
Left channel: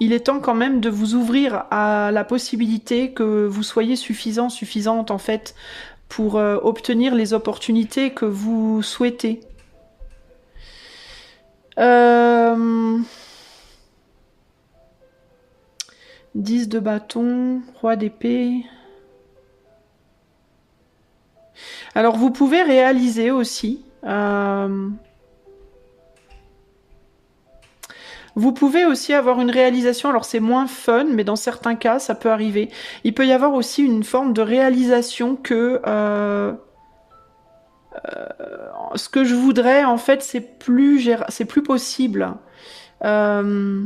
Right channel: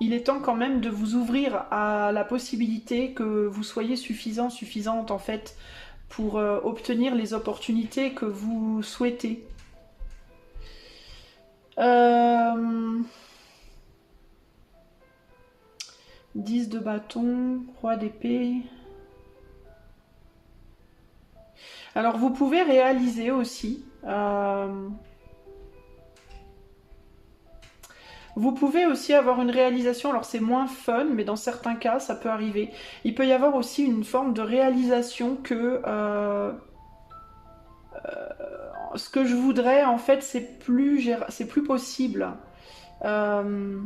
il est temps quand même de vous ouvrir à la possibilité que vous soyez suffisante en fait, pour obtenir les opportunités que vous souhaitez. 10 de bâton, roi d'épée. Alors vous pouvez réaliser aussi Vous pouvez aussi avoir une réalisation, alors c'est moins fun, mais dans certains cas, ça peut arriver. Il peut y avoir aussi une forme de réalisation que ce que je voudrais, en fait, c'est plus possible. Euh,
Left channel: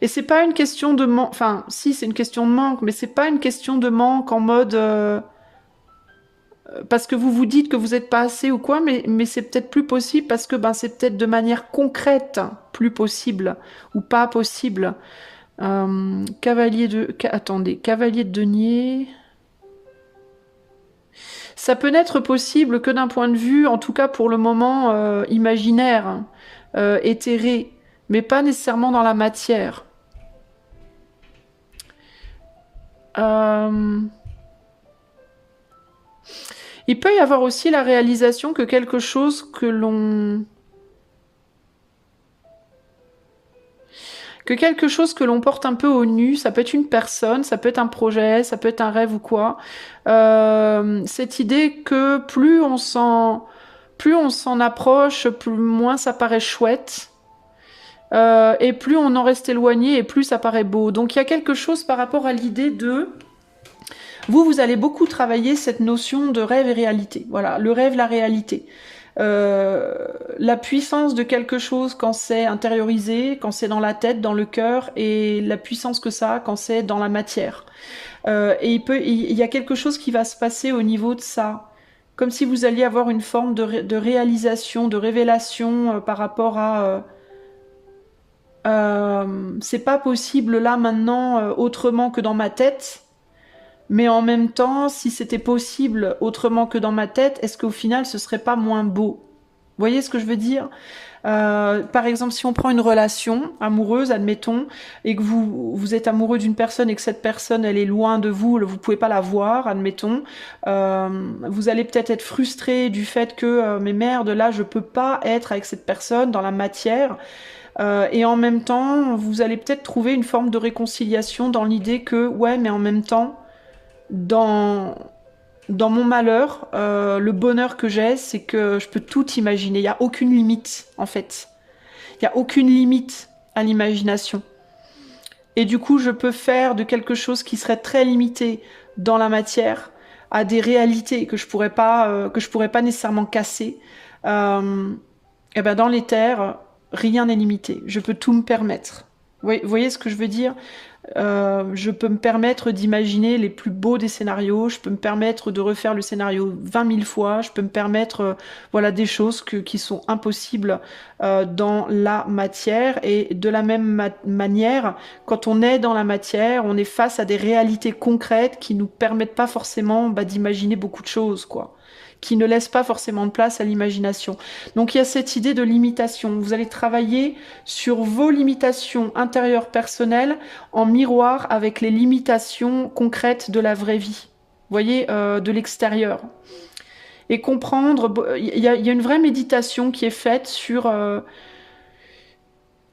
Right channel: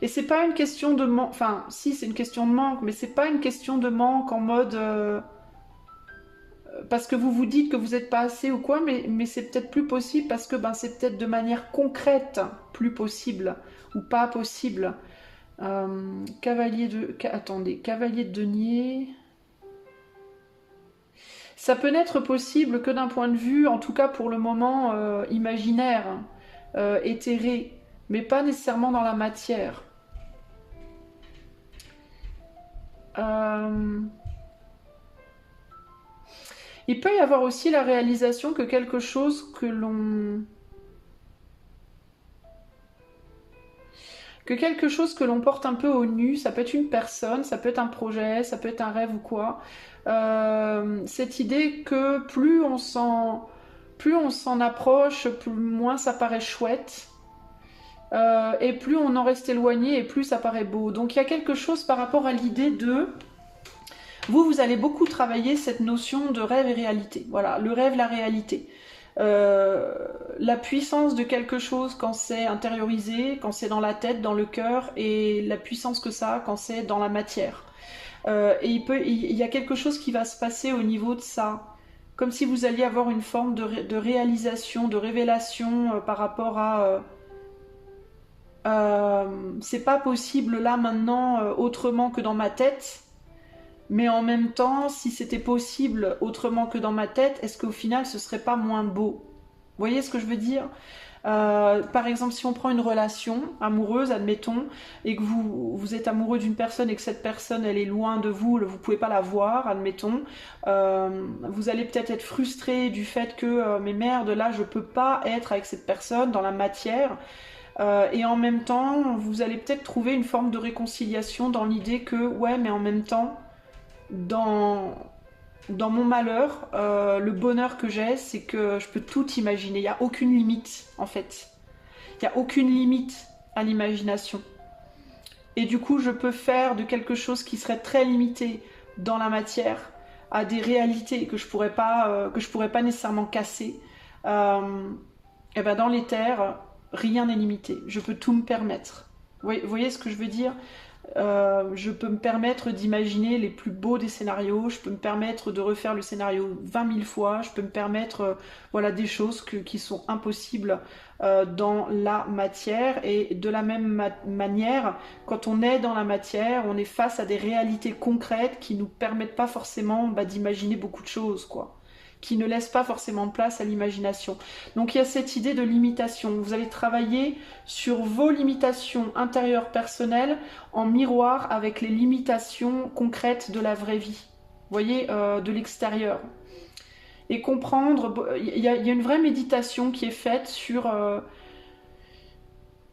et c'est pas une question de manque, enfin, si, c'est une question de manque, mais c'est pas une question de manque en mode parce que vous vous dites que vous n'êtes pas assez ou quoi, mais c'est peut-être plus possible parce que ben, c'est peut-être de manière concrète plus possible ou pas possible. Attendez, cavalier de denier. Ça peut n'être possible que d'un point de vue, en tout cas pour le moment, imaginaire, éthéré, mais pas nécessairement dans la matière. Euh, Il peut y avoir aussi la réalisation que quelque chose que l'on porte un peu au nu, ça peut être une personne, ça peut être un projet, ça peut être un rêve ou quoi. Cette idée que plus on s'en approche, plus moins ça paraît chouette. Et plus on en reste éloigné et plus ça paraît beau. Donc il y a quelque chose par rapport à l'idée de vous allez beaucoup travailler cette notion de rêve et réalité. Voilà, le rêve, la réalité. La puissance de quelque chose quand c'est intériorisé, quand c'est dans la tête, dans le cœur, et la puissance que ça a quand c'est dans la matière. Et il y a quelque chose qui va se passer au niveau de ça. Comme si vous alliez avoir une forme de réalisation, de révélation par rapport à c'est pas possible là maintenant autrement que dans ma tête. Mais en même temps, si c'était possible autrement que dans ma tête, est-ce qu'au final, ce serait pas moins beau? Vous voyez ce que je veux dire? Par exemple, si on prend une relation amoureuse, admettons, et que vous êtes amoureux d'une personne et que cette personne, elle est loin de vous, vous pouvez pas la voir, admettons, vous allez peut-être être frustré du fait que, mais merde, là, je peux pas être avec cette personne dans la matière. Et en même temps, vous allez peut-être trouver une forme de réconciliation dans l'idée que, ouais, mais en même temps, dans, dans mon malheur, le bonheur que j'ai, c'est que je peux tout imaginer. Il n'y a aucune limite, en fait. Il n'y a aucune limite à l'imagination. Et du coup, je peux faire de quelque chose qui serait très limité dans la matière à des réalités que je pourrais pas nécessairement casser. Et ben dans l'éther, rien n'est limité. Je peux tout me permettre. Vous voyez ce que je veux dire? Je peux me permettre d'imaginer les plus beaux des scénarios, je peux me permettre de refaire le scénario 20 000 fois, je peux me permettre voilà, des choses qui sont impossibles dans la matière. Et de la même manière, quand on est dans la matière, on est face à des réalités concrètes qui nous permettent pas forcément d'imaginer beaucoup de choses, quoi, qui ne laissent pas forcément de place à l'imagination. Donc il y a cette idée de limitation. Vous allez travailler sur vos limitations intérieures personnelles en miroir avec les limitations concrètes de la vraie vie. Vous voyez, de l'extérieur. Et comprendre, il y a une vraie méditation qui est faite sur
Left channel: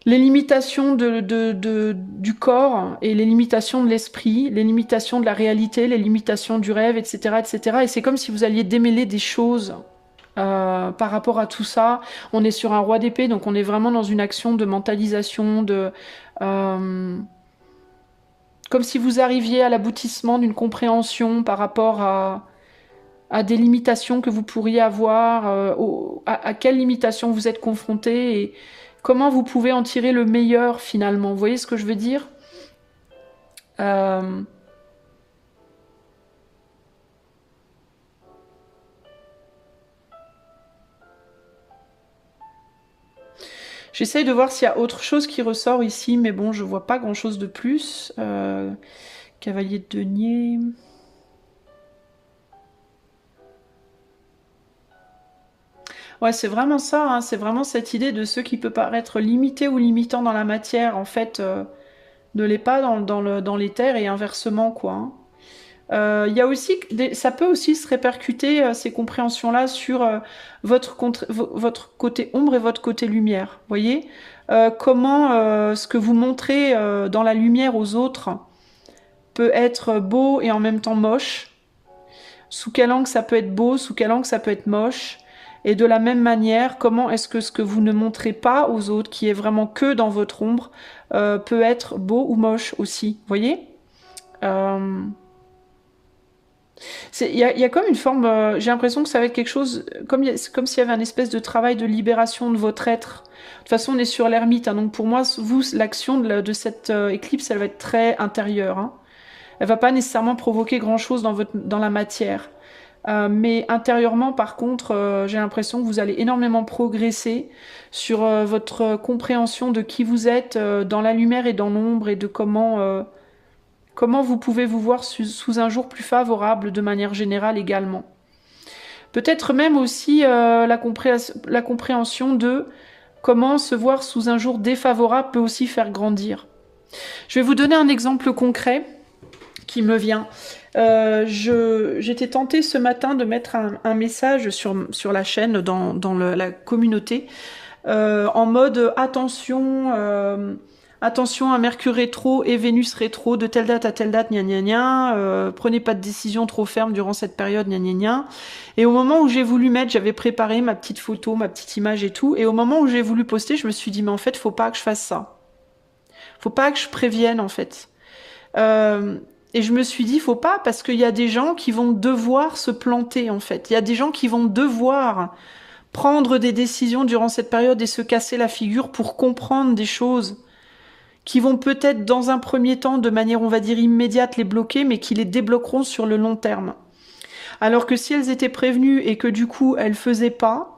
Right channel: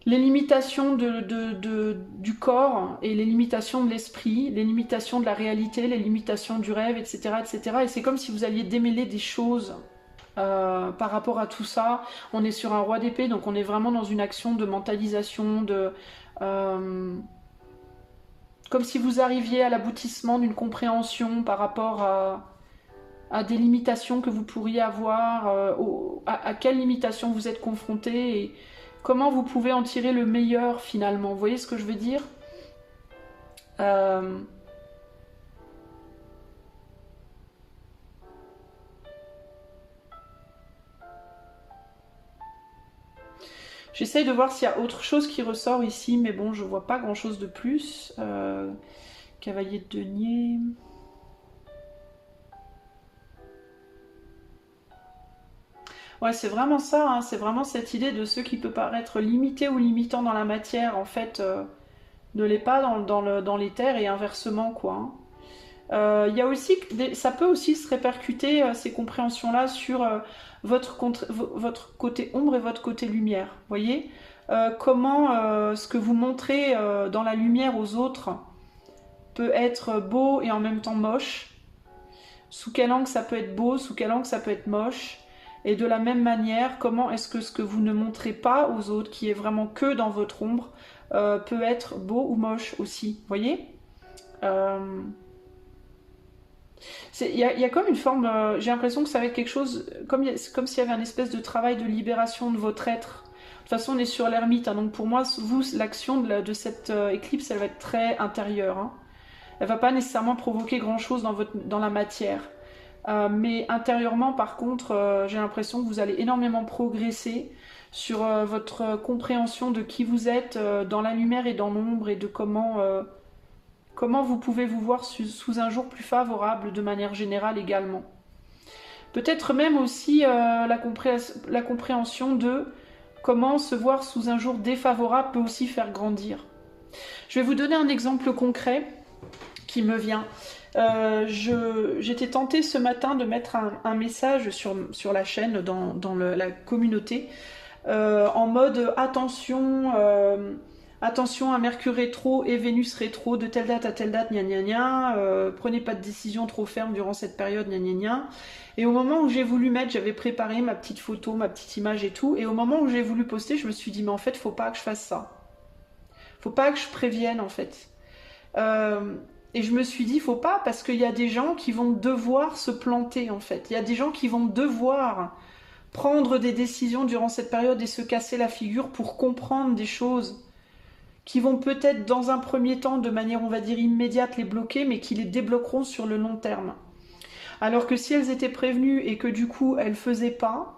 les limitations du corps et les limitations de l'esprit, les limitations de la réalité, les limitations du rêve, etc. etc. Et c'est comme si vous alliez démêler des choses par rapport à tout ça. On est sur un roi d'épée, donc on est vraiment dans une action de mentalisation, comme si vous arriviez à l'aboutissement d'une compréhension par rapport à des limitations que vous pourriez avoir, à quelles limitations vous êtes confronté et comment vous pouvez en tirer le meilleur finalement. Vous voyez ce que je veux dire? euh... J'essaye de voir s'il y a autre chose qui ressort ici, mais bon, je vois pas grand-chose de plus. Cavalier de denier... Ouais, c'est vraiment ça, hein, c'est vraiment cette idée de ce qui peut paraître limité ou limitant dans la matière, en fait, ne l'est pas dans l'éther et inversement, quoi, hein. Il y a aussi, ça peut aussi se répercuter, ces compréhensions-là, sur votre côté ombre et votre côté lumière. Vous voyez? Comment ce que vous montrez dans la lumière aux autres peut être beau et en même temps moche. Sous quel angle ça peut être beau, sous quel angle ça peut être moche. Et de la même manière, comment est-ce que ce que vous ne montrez pas aux autres, qui est vraiment que dans votre ombre, peut être beau ou moche aussi, vous voyez. Euh, il y a comme une forme, j'ai l'impression que ça va être quelque chose, comme s'il y avait un espèce de travail de libération de votre être. De toute façon, on est sur l'ermite, hein, donc pour moi, vous, l'action de cette éclipse, elle va être très intérieure. Hein. Elle va pas nécessairement provoquer grand-chose dans la matière. Mais intérieurement, par contre, j'ai l'impression que vous allez énormément progresser sur votre compréhension de qui vous êtes dans la lumière et dans l'ombre et de comment vous pouvez vous voir sous un jour plus favorable de manière générale également. Peut-être même aussi la compréhension de comment se voir sous un jour défavorable peut aussi faire grandir. Je vais vous donner un exemple concret qui me vient. J'étais tentée ce matin de mettre un message sur la chaîne, dans la communauté, en mode attention à Mercure rétro et Vénus rétro de telle date à telle date, gna gna gna, prenez pas de décision trop ferme durant cette période, gna gna gna. Et au moment où j'ai voulu mettre, j'avais préparé ma petite photo, ma petite image et tout, et au moment où j'ai voulu poster, je me suis dit, mais en fait, faut pas que je fasse ça. Faut pas que je prévienne, en fait. Et je me suis dit, faut pas, parce qu'il y a des gens qui vont devoir se planter, en fait. Il y a des gens qui vont devoir prendre des décisions durant cette période et se casser la figure pour comprendre des choses qui vont peut-être, dans un premier temps, de manière, on va dire, immédiate, les bloquer, mais qui les débloqueront sur le long terme. Alors que si elles étaient prévenues et que du coup, elles faisaient pas,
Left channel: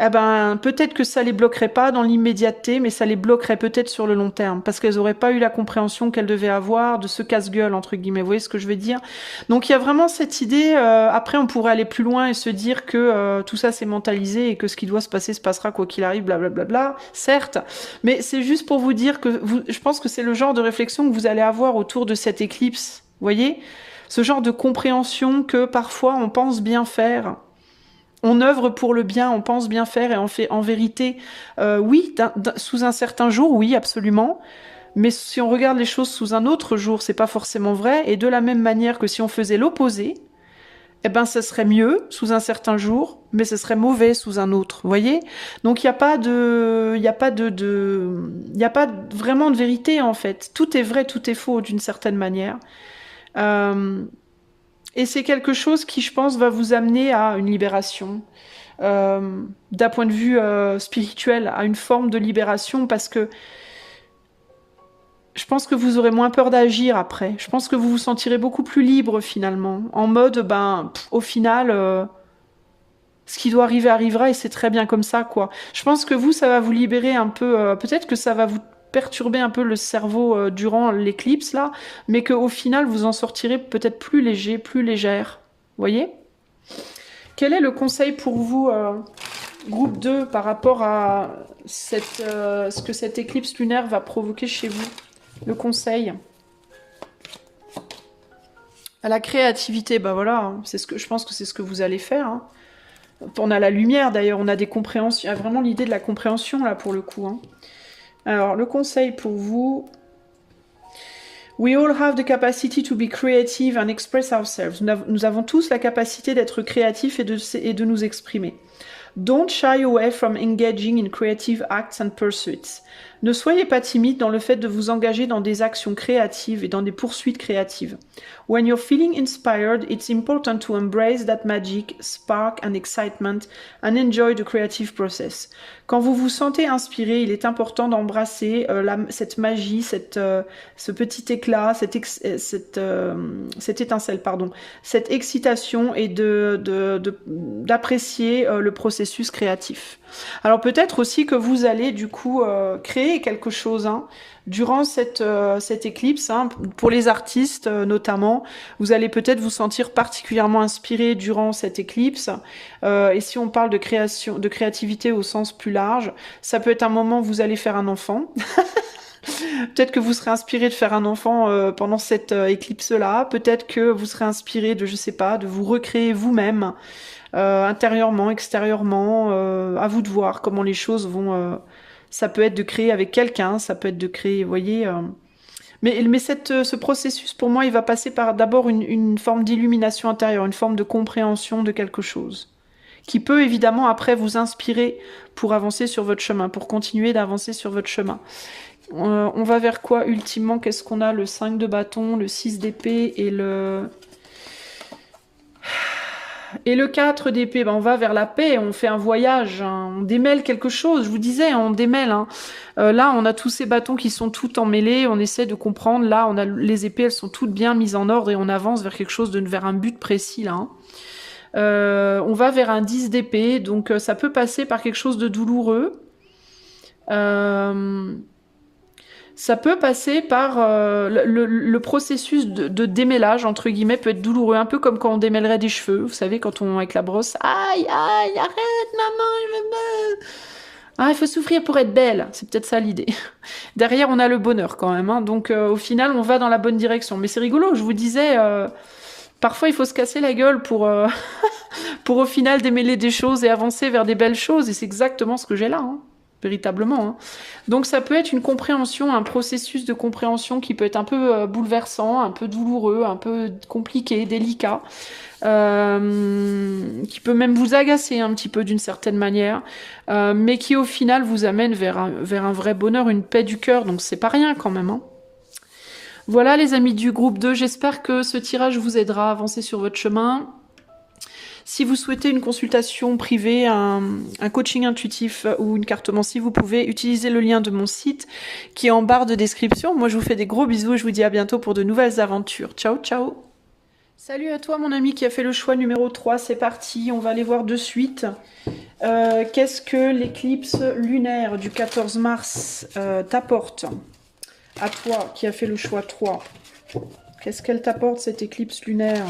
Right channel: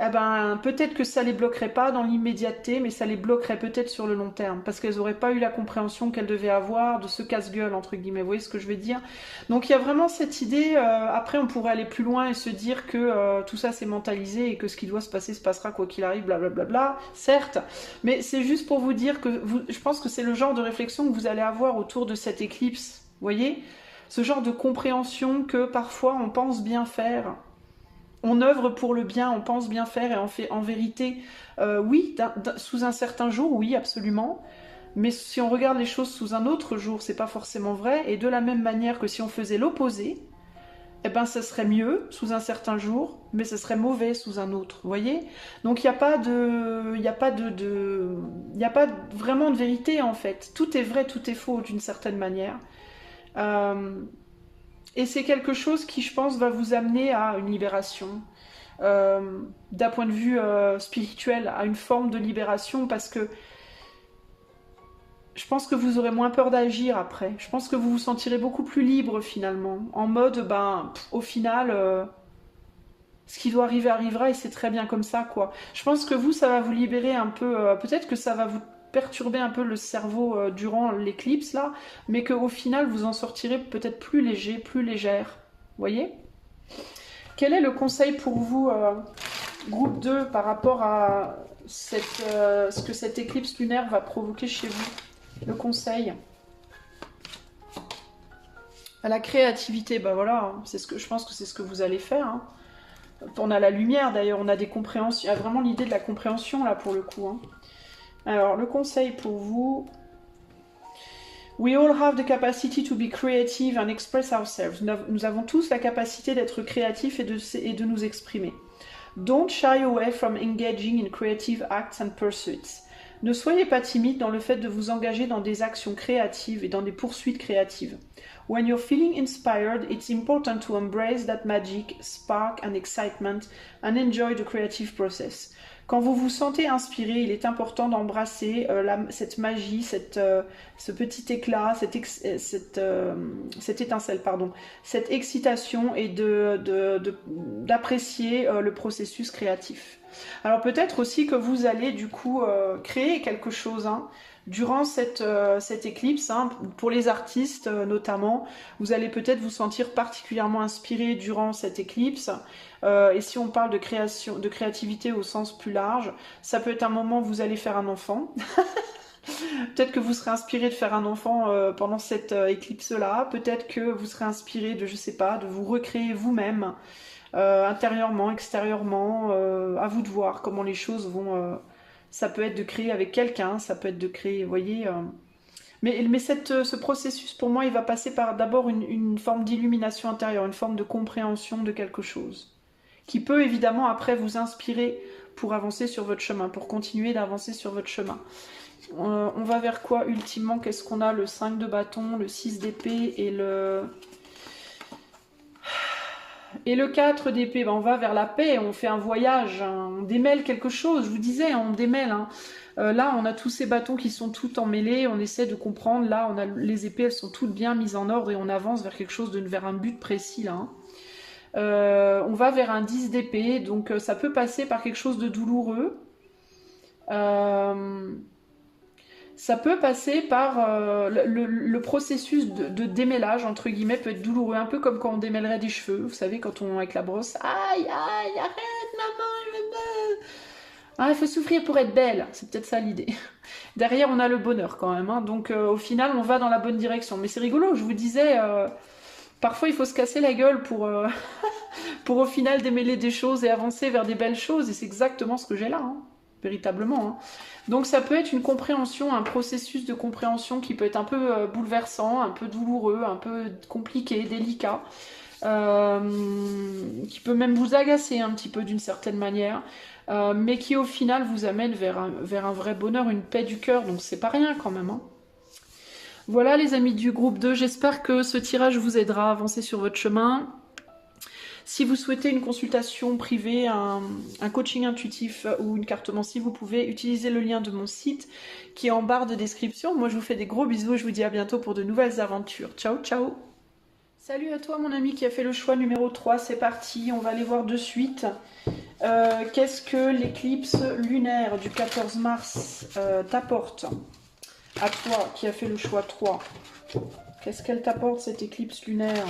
eh ben, peut-être que ça les bloquerait pas dans l'immédiateté, mais ça les bloquerait peut-être sur le long terme, parce qu'elles n'auraient pas eu la compréhension qu'elles devaient avoir de ce casse-gueule, entre guillemets. Vous voyez ce que je veux dire? Donc il y a vraiment cette idée, après on pourrait aller plus loin et se dire que tout ça c'est mentalisé et que ce qui doit se passer se passera quoi qu'il arrive, blablabla, certes, mais c'est juste pour vous dire que je pense que c'est le genre de réflexion que vous allez avoir autour de cette éclipse, vous voyez? Ce genre de compréhension que parfois on pense bien faire. On œuvre pour le bien, on pense bien faire et on fait en vérité, oui, sous un certain jour, oui, absolument. Mais si on regarde les choses sous un autre jour, c'est pas forcément vrai. Et de la même manière que si on faisait l'opposé, eh ben, ce serait mieux sous un certain jour, mais ce serait mauvais sous un autre. Vous voyez? Donc il n'y a pas il y a pas vraiment de vérité en fait. Tout est vrai, tout est faux d'une certaine manière. Euh, et c'est quelque chose qui, je pense, va vous amener à une libération. D'un point de vue spirituel, à une forme de libération, parce que je pense que vous aurez moins peur d'agir après. Je pense que vous vous sentirez beaucoup plus libre finalement. En mode, au final, ce qui doit arriver arrivera et c'est très bien comme ça, quoi. Je pense que vous, ça va vous libérer un peu. Peut-être que ça va vous perturber un peu le cerveau durant l'éclipse là, mais qu'au final, vous en sortirez peut-être plus léger, plus légère. Vous voyez? Quel est le conseil pour vous, groupe 2, par rapport à ce que cette éclipse lunaire va provoquer chez vous? Le conseil à la créativité, bah voilà, hein, je pense que c'est ce que vous allez faire. Hein. On a la lumière d'ailleurs, on a des compréhensions, il y a vraiment l'idée de la compréhension là pour le coup. Hein. Alors le conseil pour vous, we all have the capacity to be creative and express ourselves. Nous avons tous la capacité d'être créatifs et de nous exprimer. Don't shy away from engaging in creative acts and pursuits. Ne soyez pas timide dans le fait de vous engager dans des actions créatives et dans des poursuites créatives. When you're feeling inspired, it's important to embrace that magic, spark and excitement and enjoy the creative process. Quand vous vous sentez inspiré, il est important d'embrasser cette magie, ce petit éclat, cette étincelle, pardon, cette excitation et d'apprécier le processus créatif. Alors peut-être aussi que vous allez du coup créer quelque chose hein, durant cette éclipse, hein, pour les artistes notamment, vous allez peut-être vous sentir particulièrement inspiré durant cette éclipse. Et si on parle de création, de créativité au sens plus large, ça peut être un moment où vous allez faire un enfant. Peut-être que vous serez inspiré de faire un enfant pendant cette éclipse-là. Peut-être que vous serez inspiré de, je sais pas, de vous recréer vous-même. Intérieurement, extérieurement, à vous de voir comment les choses vont. Ça peut être de créer avec quelqu'un, ça peut être de créer, vous voyez. Mais ce processus, pour moi, il va passer par d'abord une forme d'illumination intérieure, une forme de compréhension de quelque chose qui peut évidemment après vous inspirer pour avancer sur votre chemin, pour continuer d'avancer sur votre chemin. On va vers quoi ultimement? Qu'est-ce qu'on a? Le 5 de bâton, le 6 d'épée et le 4 d'épée. Ben, on va vers la paix, on fait un voyage, hein, on démêle quelque chose, je vous disais, on démêle. Hein. Là, on a tous ces bâtons qui sont tout emmêlés, on essaie de comprendre. Là, on a les épées, elles sont toutes bien mises en ordre et on avance vers quelque chose, vers un but précis là. Hein. On va vers un 10 d'épée, donc ça peut passer par quelque chose de douloureux. Ça peut passer par le processus de démêlage, entre guillemets, peut être douloureux, un peu comme quand on démêlerait des cheveux, vous savez, quand on, avec la brosse, aïe, aïe, arrête, maman, je me bats. Ah, il faut souffrir pour être belle, c'est peut-être ça l'idée. Derrière, on a le bonheur quand même, hein. Donc au final, on va dans la bonne direction. Mais c'est rigolo, je vous disais, parfois il faut se casser la gueule pour au final démêler des choses et avancer vers des belles choses, et c'est exactement ce que j'ai là, hein. Véritablement. Hein. Donc ça peut être une compréhension, un processus de compréhension qui peut être un peu bouleversant, un peu douloureux, un peu compliqué, délicat, qui peut même vous agacer un petit peu d'une certaine manière, mais qui au final vous amène vers un vrai bonheur, une paix du cœur, donc c'est pas rien quand même. Hein. Voilà les amis du groupe 2, j'espère que ce tirage vous aidera à avancer sur votre chemin. Si vous souhaitez une consultation privée, un coaching intuitif ou une cartomancie, vous pouvez utiliser le lien de mon site qui est en barre de description. Moi, je vous fais des gros bisous et je vous dis à bientôt pour de nouvelles aventures. Ciao, ciao! Salut à toi, mon ami qui a fait le choix numéro 3. C'est parti, on va aller voir de suite. Qu'est-ce que l'éclipse lunaire du 14 mars t'apporte? À toi qui a fait le choix 3. Qu'est-ce qu'elle t'apporte, cette éclipse lunaire?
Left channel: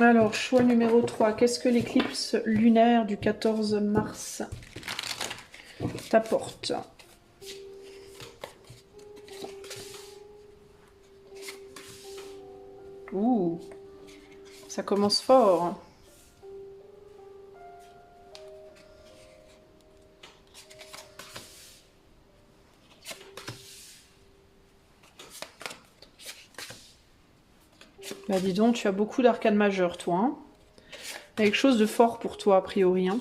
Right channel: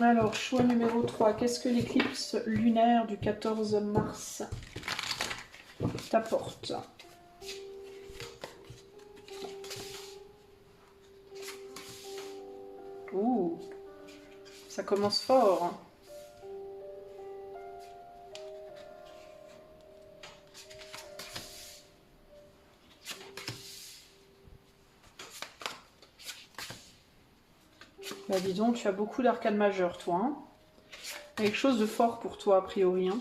Alors, choix numéro 3. Qu'est-ce que l'éclipse lunaire du 14 mars t'apporte? Ouh, ça commence fort. Bah dis donc, tu as beaucoup d'arcanes majeures, toi. Hein, quelque chose de fort pour toi, a priori. Hein.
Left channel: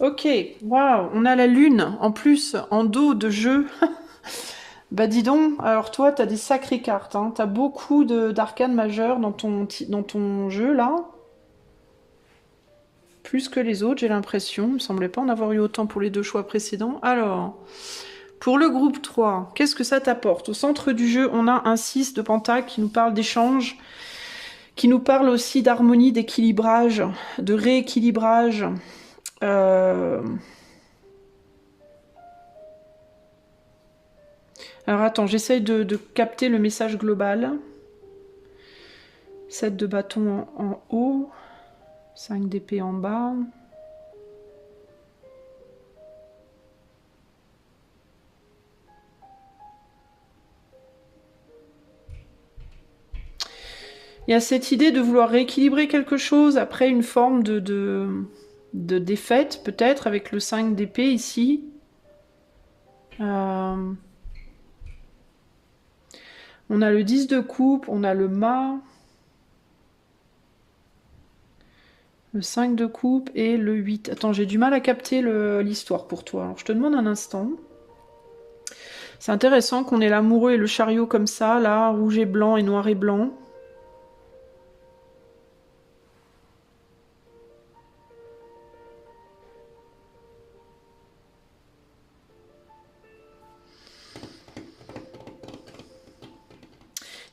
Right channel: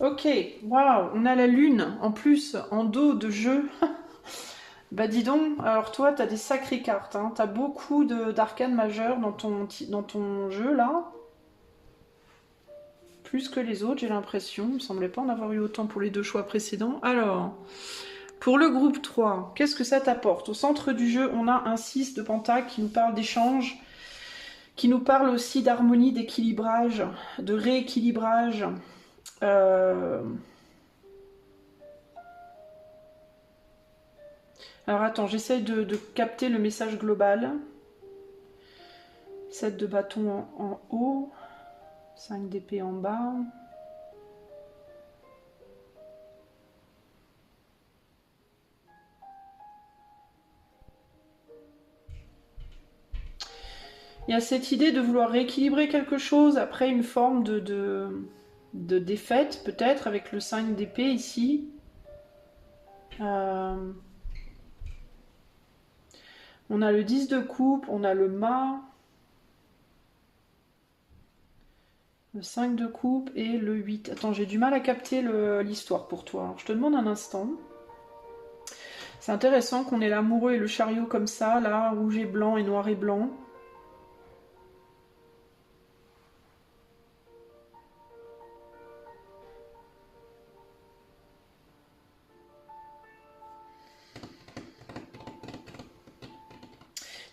Ok, waouh, on a la lune, en plus, en dos de jeu. Bah dis donc, alors toi, t'as des sacrées cartes. Hein. T'as beaucoup d'arcanes majeures dans ton jeu, là. Plus que les autres, j'ai l'impression. Il me semblait pas en avoir eu autant pour les 2 choix précédents. Alors, pour le groupe 3, qu'est-ce que ça t'apporte? Au centre du jeu, on a un 6 de pentacle qui nous parle d'échange, qui nous parle aussi d'harmonie, d'équilibrage, de rééquilibrage. Alors attends, j'essaye de capter le message global. 7 de bâton en haut, 5 d'épée en bas. Il y a cette idée de vouloir rééquilibrer quelque chose après une forme de défaite, peut-être, avec le 5 d'épée ici. On a le 10 de coupe, on a le mât, le 5 de coupe et le 8. Attends, j'ai du mal à capter l'histoire pour toi. Alors, je te demande un instant. C'est intéressant qu'on ait l'amoureux et le chariot comme ça, là, rouge et blanc et noir et blanc.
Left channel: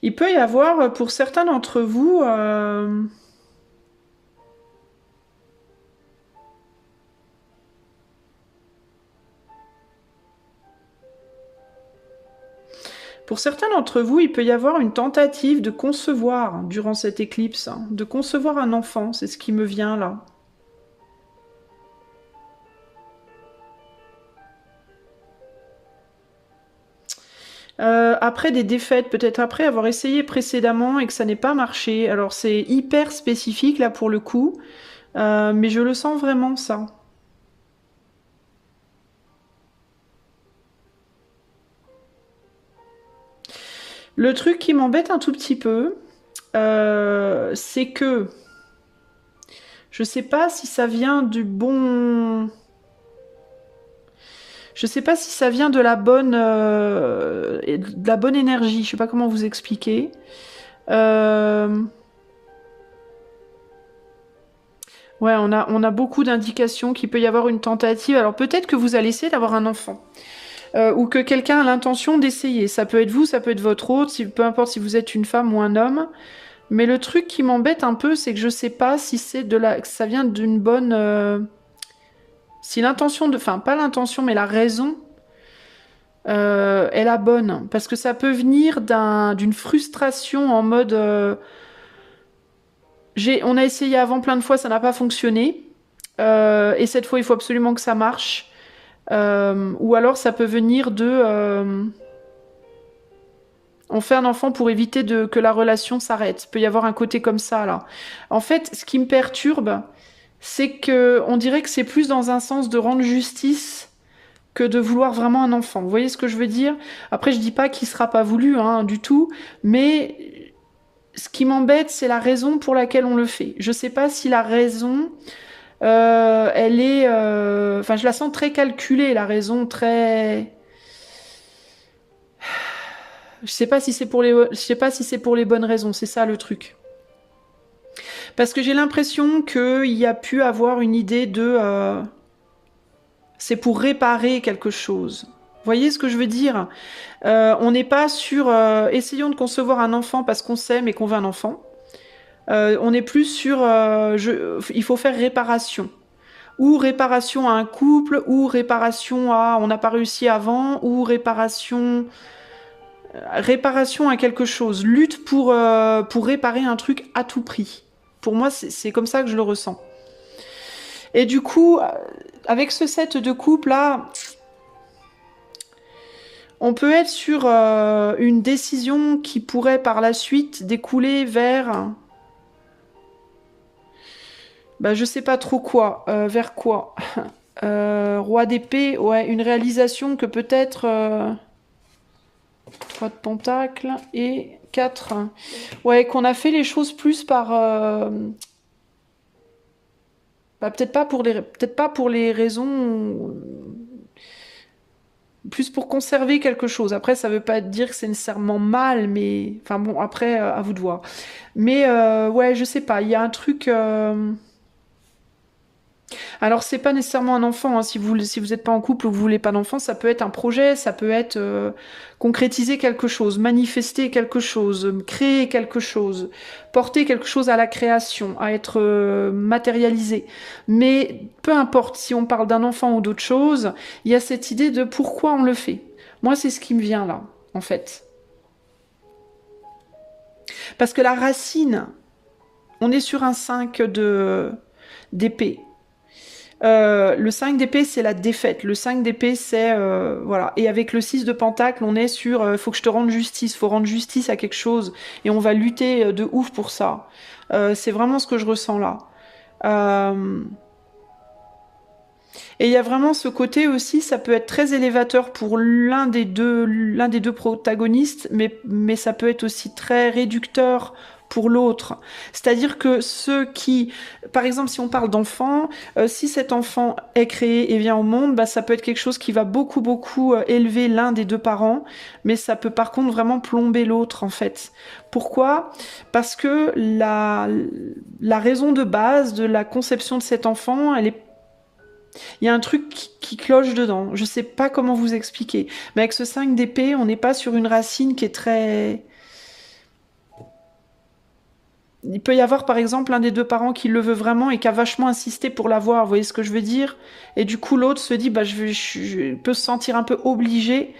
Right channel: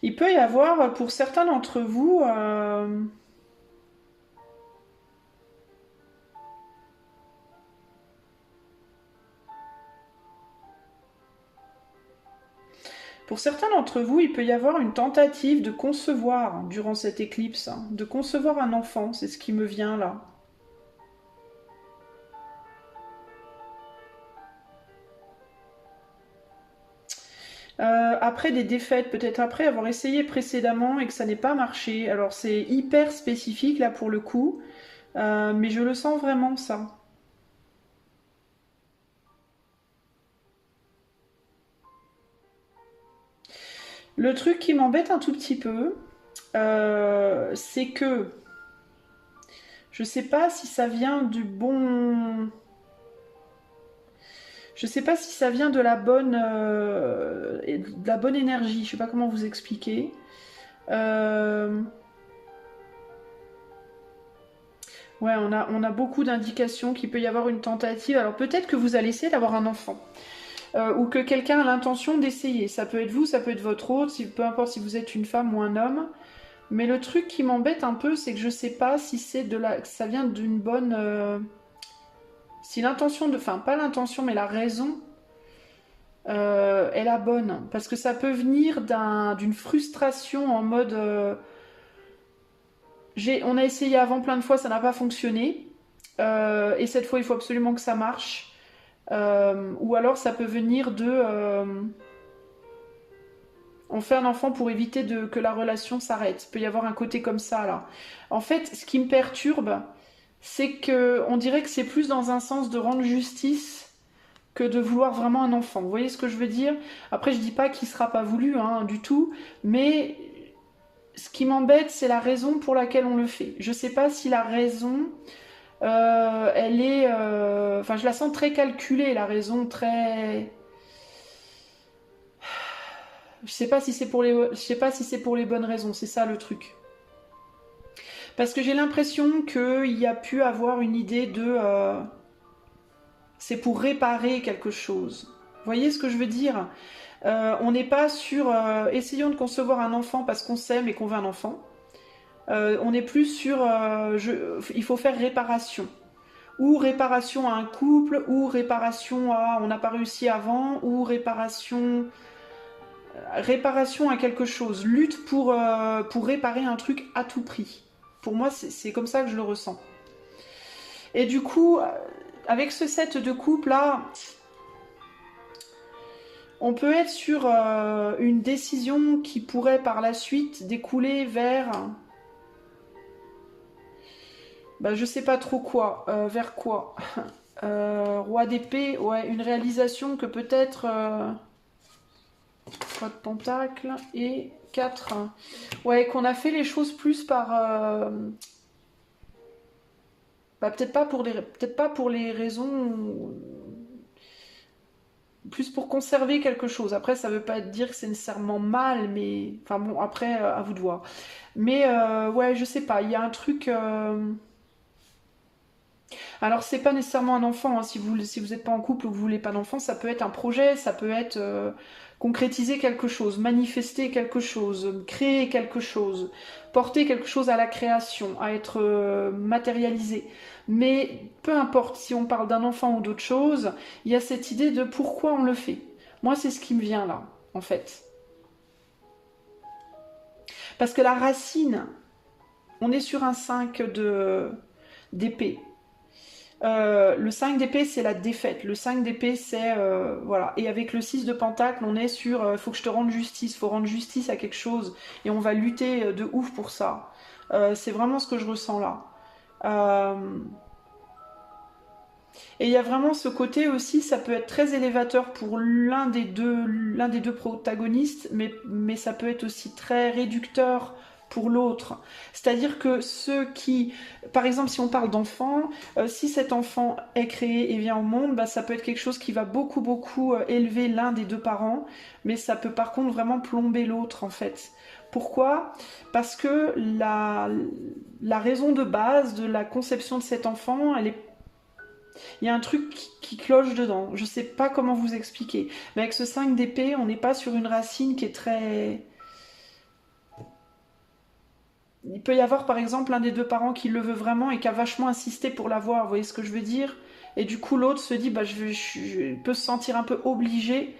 Il peut y avoir, pour certains d'entre vous, il peut y avoir une tentative de concevoir, durant cette éclipse, hein, de concevoir un enfant, c'est ce qui me vient là. après des défaites, peut-être après avoir essayé précédemment et que ça n'ait pas marché. Alors c'est hyper spécifique là pour le coup, mais je le sens vraiment ça. Le truc qui m'embête un tout petit peu, c'est que je sais pas si ça vient du bon. Je sais pas si ça vient de la bonne énergie. Je sais pas comment vous expliquer. Euh, Ouais, on a beaucoup d'indications qu'il peut y avoir une tentative. Alors peut-être que vous allez essayer d'avoir un enfant. Ou que quelqu'un a l'intention d'essayer. Ça peut être vous, ça peut être votre autre, peu importe si vous êtes une femme ou un homme. Mais le truc qui m'embête un peu, c'est que je sais pas si ça vient d'une bonne. Si l'intention de. Enfin, pas l'intention, mais la raison est la bonne. Parce que ça peut venir d'une frustration en mode. On a essayé avant plein de fois, ça n'a pas fonctionné. Et cette fois, il faut absolument que ça marche. Ou alors ça peut venir on fait un enfant pour éviter que la relation s'arrête. Il peut y avoir un côté comme ça là. En fait, ce qui me perturbe, c'est que on dirait que c'est plus dans un sens de rendre justice que de vouloir vraiment un enfant. Vous voyez ce que je veux dire? Après, je dis pas qu'il sera pas voulu hein, du tout, mais ce qui m'embête, c'est la raison pour laquelle on le fait. Je sais pas si la raison elle est. Enfin, je la sens très calculée, la raison très. Je sais pas si c'est pour je sais pas si c'est pour les bonnes raisons, c'est ça le truc. Parce que j'ai l'impression qu'il y a pu avoir une idée de. C'est pour réparer quelque chose. Vous voyez ce que je veux dire? On n'est pas sur. Essayons de concevoir un enfant parce qu'on s'aime et qu'on veut un enfant. On est plus sur. Il faut faire réparation. Ou réparation à un couple, ou réparation à on n'a pas réussi avant, ou réparation à quelque chose, lutte pour réparer un truc à tout prix. Pour moi, c'est comme ça que je le ressens. Et du coup, avec ce set de couple là, on peut être sur une décision qui pourrait par la suite découler vers, bah, je sais pas trop quoi, vers quoi. Roi d'épée, ouais, une réalisation que peut-être 3 de pentacle et 4. Ouais, qu'on a fait les choses plus par. Bah, peut-être pas pour les raisons. Plus pour conserver quelque chose. Après, ça veut pas dire que c'est nécessairement mal, mais. Enfin bon, après, à vous de voir. Mais ouais, je sais pas, il y a un truc. Alors, c'est pas nécessairement un enfant, hein. Si vous êtes pas en couple ou que vous voulez pas d'enfant, ça peut être un projet, ça peut être concrétiser quelque chose, manifester quelque chose, créer quelque chose, porter quelque chose à la création, à être matérialisé. Mais peu importe si on parle d'un enfant ou d'autre chose, il y a cette idée de pourquoi on le fait. Moi, c'est ce qui me vient là, en fait. Parce que la racine, on est sur un 5 d'épée. Le 5 d'épée, c'est la défaite. Le 5 d'épée, c'est. Voilà. Et avec le 6 de pentacle, on est sur. Faut que je te rende justice. Faut rendre justice à quelque chose. Et on va lutter de ouf pour ça. C'est vraiment ce que je ressens là. Euh, Et il y a vraiment ce côté aussi, ça peut être très élévateur pour l'un des deux protagonistes, mais ça peut être aussi très réducteur pour l'autre. C'est-à-dire que ceux qui, par exemple, si on parle d'enfant, si cet enfant est créé et vient au monde, bah, ça peut être quelque chose qui va beaucoup élever l'un des deux parents, mais ça peut par contre vraiment plomber l'autre en fait. Pourquoi? Parce que la raison de base de la conception de cet enfant, elle est il y a un truc qui cloche dedans. Je sais pas comment vous expliquer. Mais avec ce 5 d'épée, on n'est pas sur une racine qui est très. Il peut y avoir par exemple un des deux parents qui le veut vraiment et qui a vachement insisté pour l'avoir, vous voyez ce que je veux dire? Et du coup l'autre se dit bah je peut se sentir un peu obligé,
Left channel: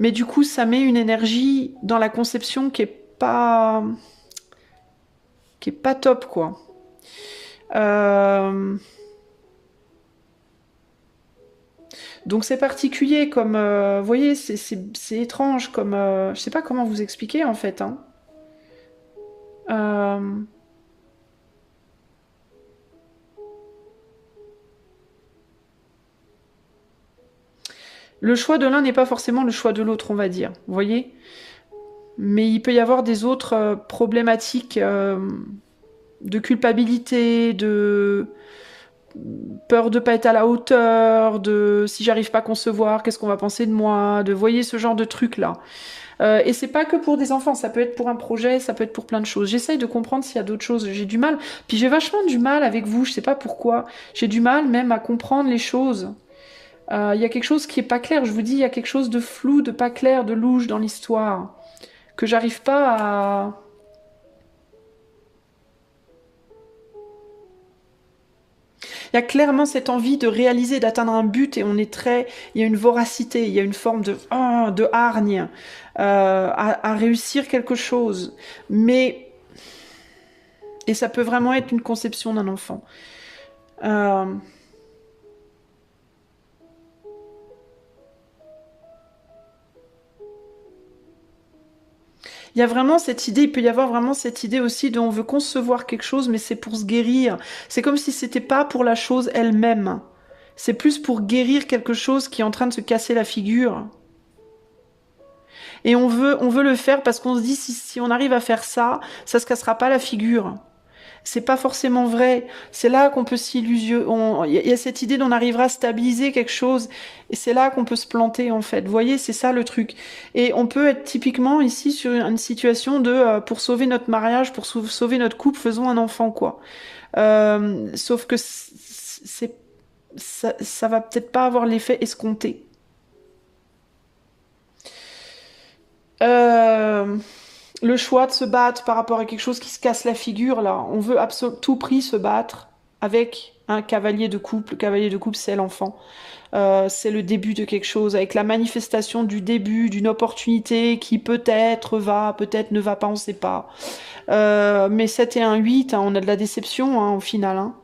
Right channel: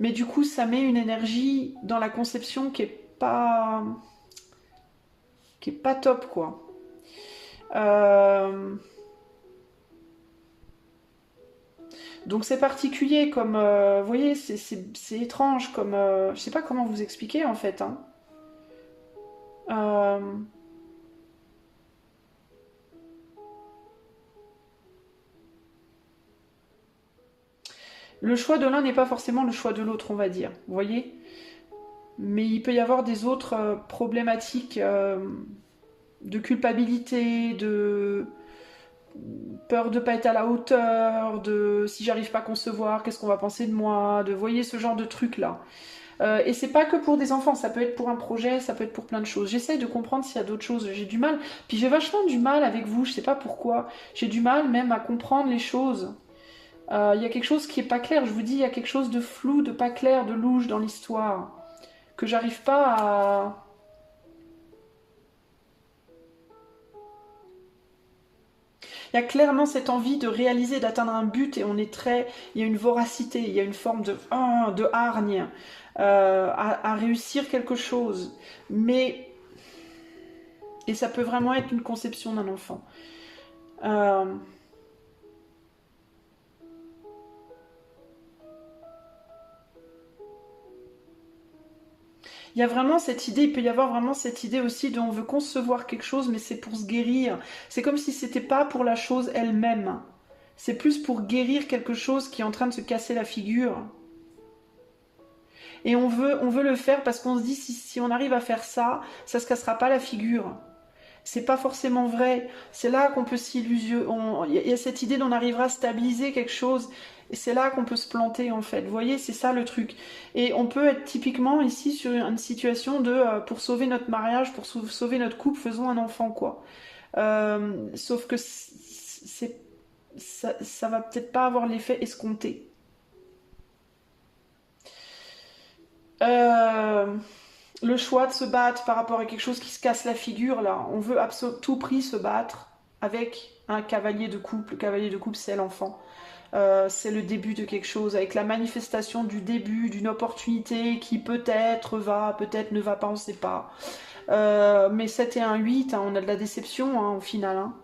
mais du coup ça met une énergie dans la conception qui est pas top quoi. Euh, Donc c'est particulier comme, vous voyez, c'est étrange comme, je sais pas comment vous expliquer en fait, hein. Euh, le choix de l'un n'est pas forcément le choix de l'autre, on va dire, vous voyez. Mais il peut y avoir des autres problématiques de culpabilité, de peur de pas être à la hauteur, de si j'arrive pas à concevoir, qu'est-ce qu'on va penser de moi, de voyez ce genre de trucs là. Et c'est pas que pour des enfants, ça peut être pour un projet, ça peut être pour plein de choses. J'essaye de comprendre s'il y a d'autres choses, j'ai du mal. Puis j'ai vachement du mal avec vous, je sais pas pourquoi. J'ai du mal même à comprendre les choses. Il y a quelque chose qui est pas clair, je vous dis, il y a quelque chose de flou, de pas clair, de louche dans l'histoire, que j'arrive pas à... Il y a clairement cette envie de réaliser, d'atteindre un but et on est très... Il y a une voracité, il y a une forme de hargne à réussir quelque chose. Mais... Et ça peut vraiment être une conception d'un enfant. Euh, Il y a vraiment cette idée, il peut y avoir vraiment cette idée aussi de on veut concevoir quelque chose, mais c'est pour se guérir. C'est comme si c'était pas pour la chose elle-même. C'est plus pour guérir quelque chose qui est en train de se casser la figure. Et on veut le faire parce qu'on se dit si on arrive à faire ça, ça se cassera pas la figure. C'est pas forcément vrai. C'est là qu'on peut s'illusionner. Il y a cette idée d'on arrivera à stabiliser quelque chose. Et c'est là qu'on peut se planter, en fait. Vous voyez, c'est ça le truc. Et on peut être typiquement ici sur une situation de pour sauver notre mariage, pour sauver notre couple, faisons un enfant, quoi. Sauf que ça va peut-être pas avoir l'effet escompté. Euh, le choix de se battre par rapport à quelque chose qui se casse la figure, là. On veut à tout prix se battre avec un cavalier de couple. Le cavalier de couple, c'est l'enfant. C'est le début de quelque chose, avec la manifestation du début, d'une opportunité qui peut-être va, peut-être ne va pas, on ne sait pas. Mais 7 et un 8, hein, on a de la déception hein, au final. Hein.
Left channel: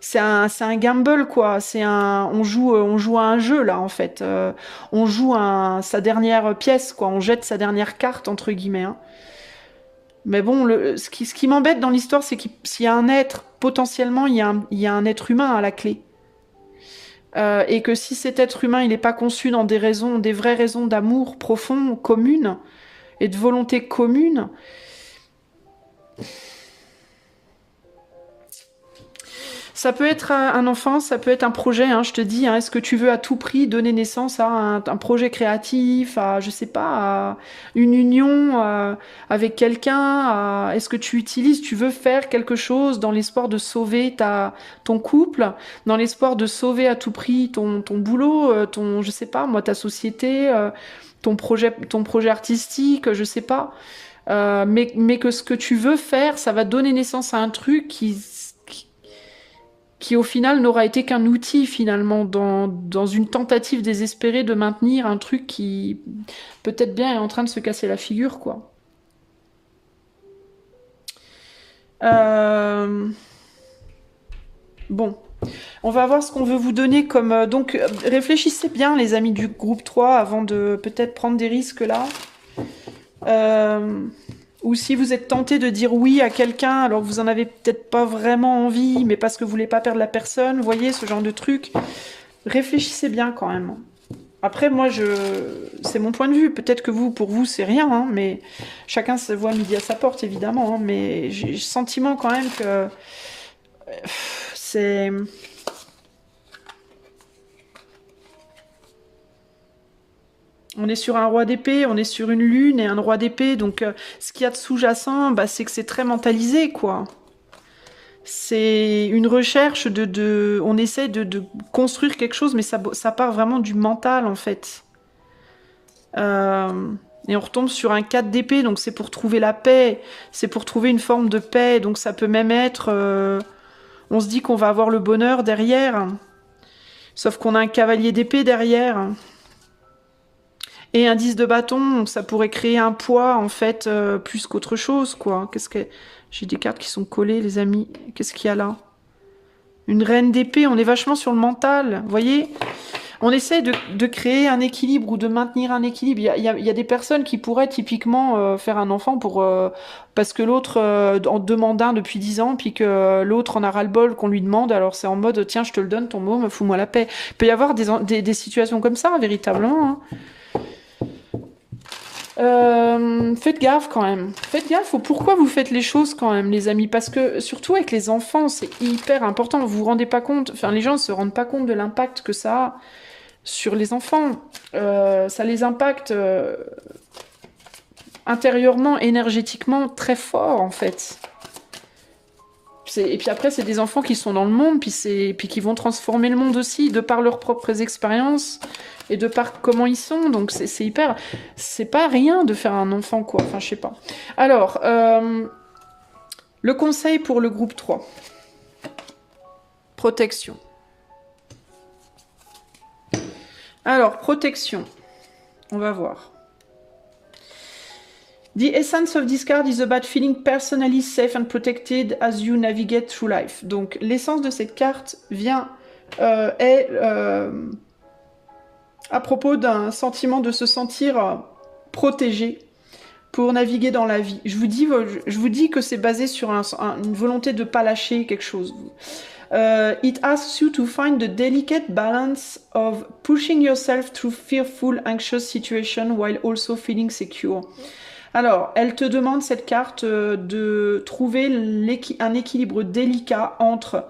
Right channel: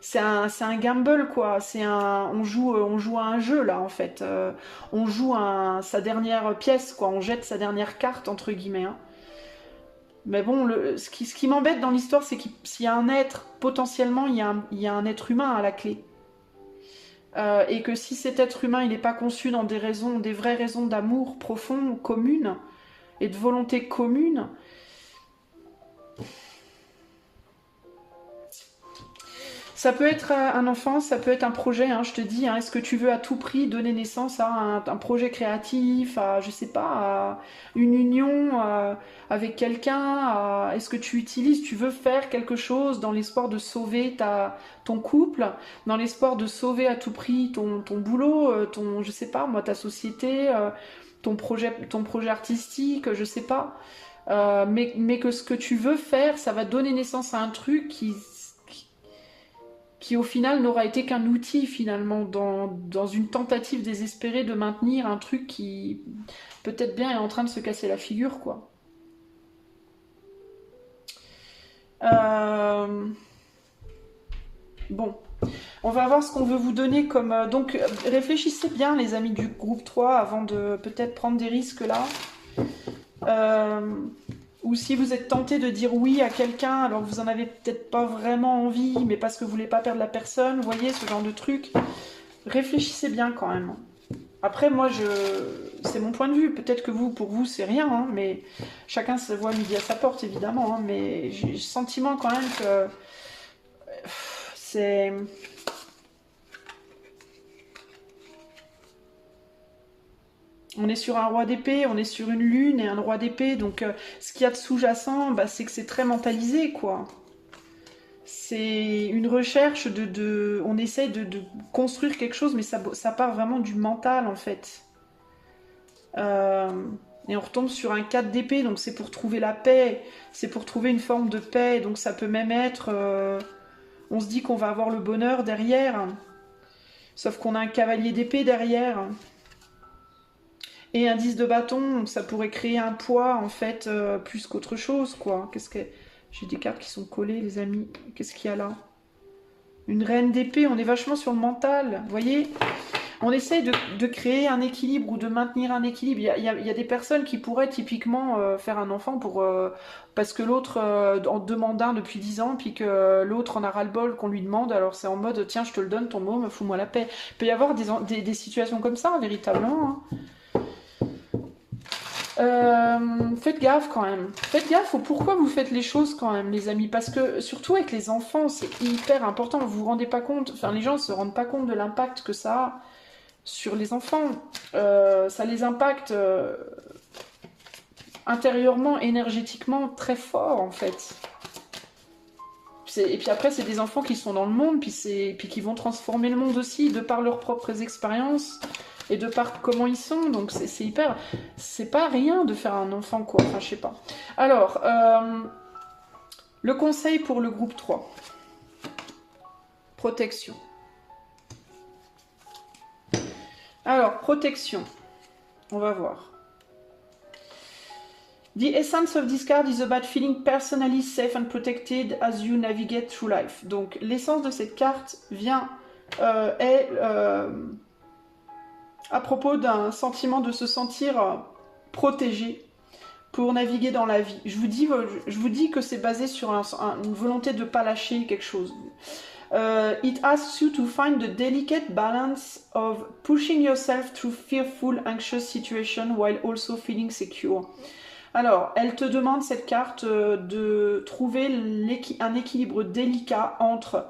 C'est un gamble quoi. On joue à un jeu là en fait. On joue sa dernière pièce quoi. On jette sa dernière carte entre guillemets. Hein. Mais bon, ce qui m'embête dans l'histoire, c'est s'il y a un être, potentiellement, il y a un être humain à la clé. Et que si cet être humain, il n'est pas conçu dans des raisons, des vraies raisons d'amour profond, communes, et de volonté commune, ça peut être un enfant, ça peut être un projet, hein, je te dis, hein, est-ce que tu veux à tout prix donner naissance à un projet créatif, à, je sais pas, à une union avec quelqu'un, est-ce que tu veux faire quelque chose dans l'espoir de sauver ton couple, dans l'espoir de sauver à tout prix ton boulot, je sais pas, moi, ta société, ton projet artistique, je sais pas. Mais que ce que tu veux faire, ça va donner naissance à un truc qui au final n'aura été qu'un outil finalement dans une tentative désespérée de maintenir un truc qui peut-être bien est en train de se casser la figure quoi. Euh, Bon, on va voir ce qu'on veut vous donner comme... donc réfléchissez bien les amis du groupe 3 avant de peut-être prendre des risques là. Euh, Ou si vous êtes tenté de dire oui à quelqu'un, alors que vous en avez peut-être pas vraiment envie, mais parce que vous voulez pas perdre la personne, vous voyez, ce genre de truc. Réfléchissez bien quand même. Après, moi, c'est mon point de vue. Peut-être que pour vous, c'est rien, hein, mais chacun se voit midi à sa porte, évidemment. Hein, mais j'ai le sentiment quand même que c'est... On est sur un roi d'épée, on est sur une lune et un roi d'épée, donc ce qu'il y a de sous-jacent, bah, c'est que c'est très mentalisé, quoi. C'est une recherche on essaie de construire quelque chose, mais ça part vraiment du mental, en fait. Et on retombe sur un 4 d'épée, donc c'est pour trouver la paix, c'est pour trouver une forme de paix, donc ça peut même être... on se dit qu'on va avoir le bonheur derrière, sauf qu'on a un cavalier d'épée derrière. Et un 10 de bâton, ça pourrait créer un poids, en fait, plus qu'autre chose, quoi. J'ai des cartes qui sont collées, les amis. Qu'est-ce qu'il y a là? Une reine d'épée, on est vachement sur le mental, vous voyez? On essaie de créer un équilibre ou de maintenir un équilibre. Il y a des personnes qui pourraient typiquement faire un enfant parce que l'autre en demande un depuis 10 ans, puis que l'autre en a ras-le-bol qu'on lui demande, alors c'est en mode tiens, je te le donne, ton môme, fous-moi la paix. Il peut y avoir des situations comme ça, véritablement. Hein. Faites gaffe quand même. Faites gaffe au pourquoi vous faites les choses quand même, les amis. Parce que surtout avec les enfants, c'est hyper important. Vous vous rendez pas compte, enfin les gens se rendent pas compte de l'impact que ça a sur les enfants. Ça les impacte intérieurement, énergétiquement très fort en fait. Et puis après, c'est des enfants qui sont dans le monde, puis qui vont transformer le monde aussi, de par leurs propres expériences et de par comment ils sont. Donc c'est hyper... C'est pas rien de faire un enfant, quoi. Enfin, je sais pas. Alors, le conseil pour le groupe 3. Protection. Alors, protection. On va voir. The essence of this card is about feeling personally safe and protected as you navigate through life. Donc, l'essence de cette carte est à propos d'un sentiment de se sentir protégé pour naviguer dans la vie. Je vous dis que c'est basé sur une volonté de ne pas lâcher quelque chose. It asks you to find the delicate balance of pushing yourself through fearful, anxious situations while also feeling secure. Alors, elle te demande, cette carte, de trouver un équilibre délicat entre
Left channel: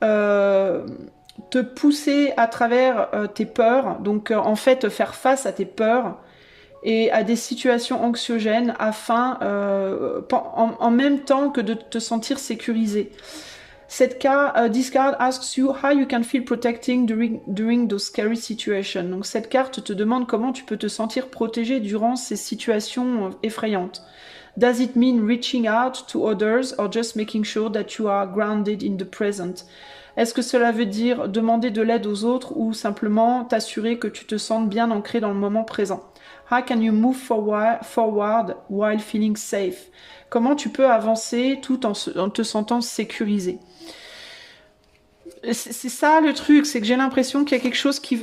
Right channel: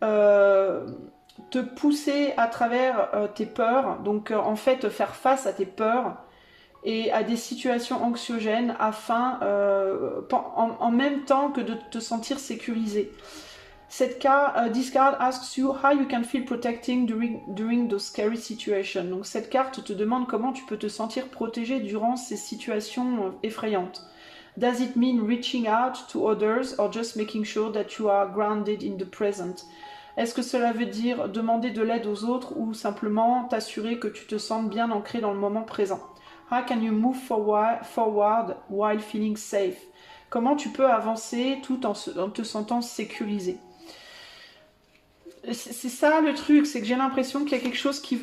te pousser à travers tes peurs, donc en fait faire face à tes peurs et à des situations anxiogènes afin, en même temps que de te sentir sécurisé. This card asks you how you can feel protecting during those scary situations. Donc cette carte te demande comment tu peux te sentir protégé durant ces situations effrayantes. Does it mean reaching out to others or just making sure that you are grounded in the present? Est-ce que cela veut dire demander de l'aide aux autres ou simplement t'assurer que tu te sens bien ancré dans le moment présent? How can you move forward while feeling safe? Comment tu peux avancer tout en te sentant sécurisé? C'est ça le truc, c'est que j'ai l'impression qu'il y a quelque chose tu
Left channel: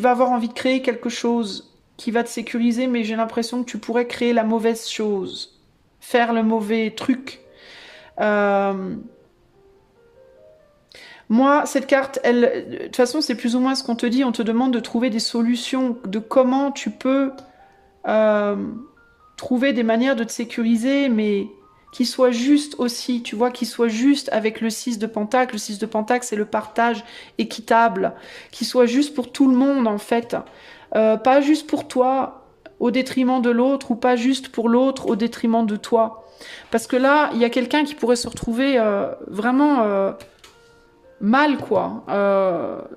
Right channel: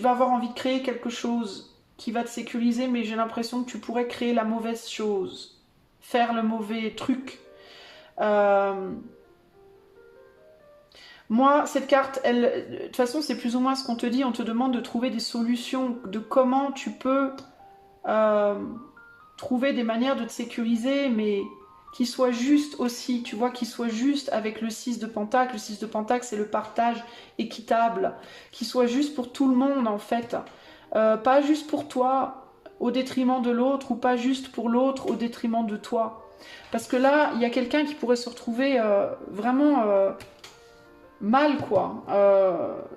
vas avoir envie de créer quelque chose qui va te sécuriser, mais j'ai l'impression que tu pourrais créer la mauvaise chose, faire le mauvais truc. Moi, cette carte, de toute façon, c'est plus ou moins ce qu'on te dit. On te demande de trouver des solutions, de comment tu peux trouver des manières de te sécuriser, mais qui soit juste aussi, tu vois, qui soit juste avec le 6 de Pentacle. Le 6 de Pentacle, c'est le partage équitable, qui soit juste pour tout le monde, en fait. Pas juste pour toi, au détriment de l'autre, ou pas juste pour l'autre, au détriment de toi. Parce que là, il y a quelqu'un qui pourrait se retrouver vraiment mal, quoi,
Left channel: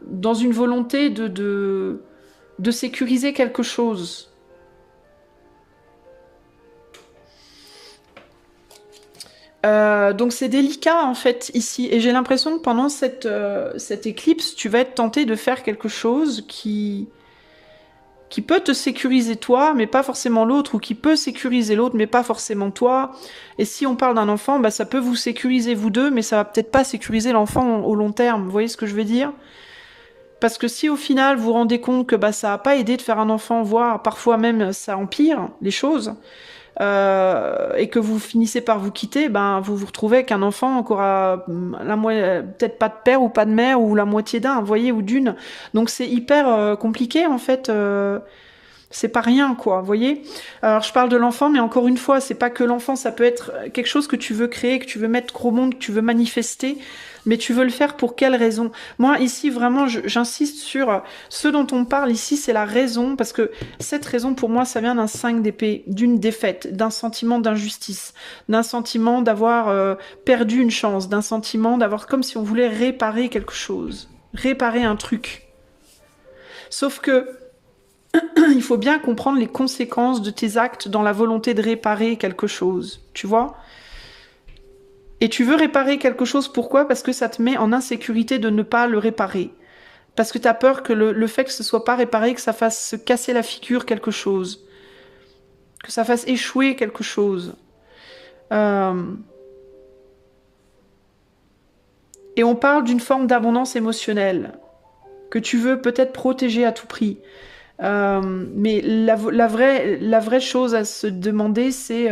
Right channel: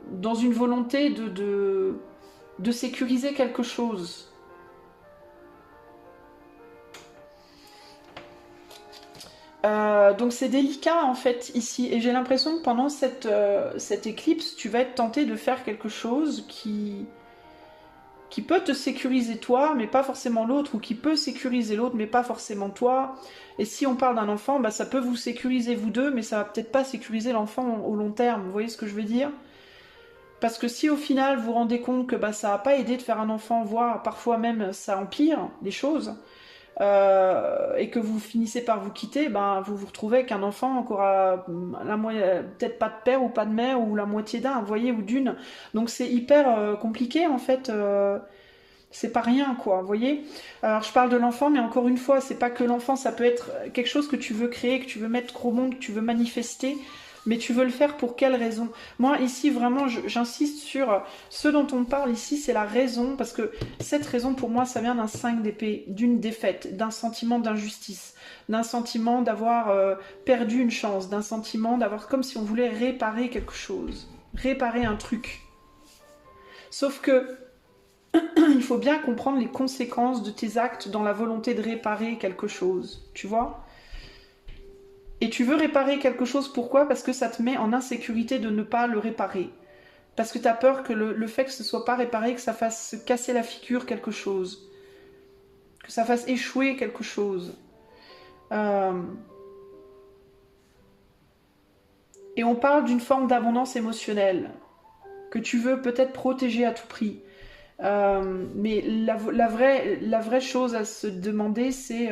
dans une volonté de sécuriser quelque chose. Donc c'est délicat en fait ici, et j'ai l'impression que pendant cette éclipse, tu vas être tenté de faire quelque chose qui peut te sécuriser toi, mais pas forcément l'autre, ou qui peut sécuriser l'autre, mais pas forcément toi. Et si on parle d'un enfant, bah, ça peut vous sécuriser vous deux, mais ça va peut-être pas sécuriser l'enfant au long terme, vous voyez ce que je veux dire? Parce que si au final vous vous rendez compte que bah, ça n'a pas aidé de faire un enfant, voire parfois même ça empire les choses, et que vous finissez par vous quitter, ben, vous vous retrouvez avec un enfant qui aura peut-être pas de père ou pas de mère, ou la moitié d'un, vous voyez, ou d'une. Donc c'est hyper compliqué en fait. C'est pas rien, quoi, vous voyez. Alors je parle de l'enfant, mais encore une fois, c'est pas que l'enfant, ça peut être quelque chose que tu veux créer, que tu veux mettre au monde, que tu veux manifester, mais tu veux le faire pour quelle raison? Moi, ici, vraiment, j'insiste sur ce dont on parle ici, c'est la raison, parce que cette raison, pour moi, ça vient d'un 5 d'épée, d'une défaite, d'un sentiment d'injustice, d'un sentiment d'avoir perdu une chance, d'un sentiment d'avoir comme si on voulait réparer quelque chose, réparer un truc. Sauf que il faut bien comprendre les conséquences de tes actes dans la volonté de réparer quelque chose, tu vois? Et tu veux réparer quelque chose, pourquoi? Parce que ça te met en insécurité de ne pas le réparer. Parce que tu as peur que le fait que ce soit pas réparé, que ça fasse se casser la figure quelque chose. Que ça fasse échouer quelque chose. Et on parle d'une forme d'abondance émotionnelle que tu veux peut-être protéger à tout prix. Mais la vraie chose à se demander, c'est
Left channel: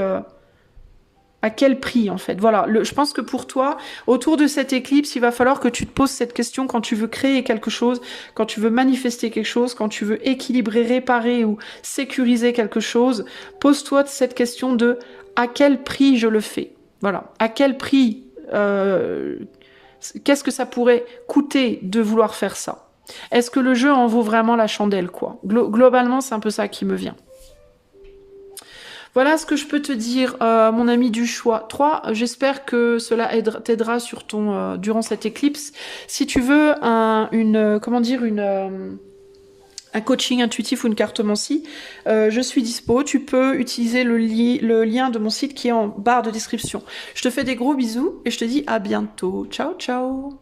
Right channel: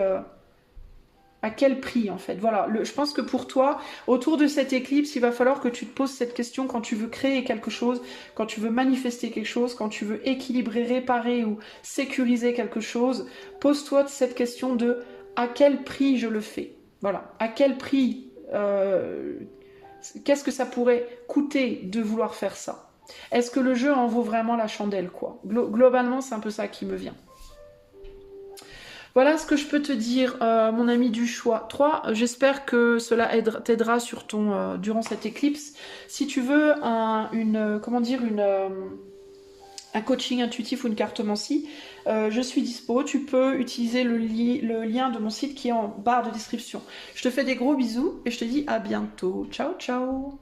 à quel prix en fait. Voilà, je pense que pour toi, autour de cette éclipse, il va falloir que tu te poses cette question quand tu veux créer quelque chose, quand tu veux manifester quelque chose, quand tu veux équilibrer, réparer ou sécuriser quelque chose. Pose-toi cette question de à quel prix je le fais. Voilà, à quel prix, qu'est-ce que ça pourrait coûter de vouloir faire ça? Est-ce que le jeu en vaut vraiment la chandelle, quoi? Globalement, c'est un peu ça qui me vient. Voilà ce que je peux te dire, mon ami du choix 3. J'espère que cela t'aidera sur durant cette éclipse. Si tu veux un coaching intuitif ou une cartomancie, je suis dispo. Tu peux utiliser le lien de mon site qui est en barre de description. Je te fais des gros bisous et je te dis à bientôt. Ciao, ciao!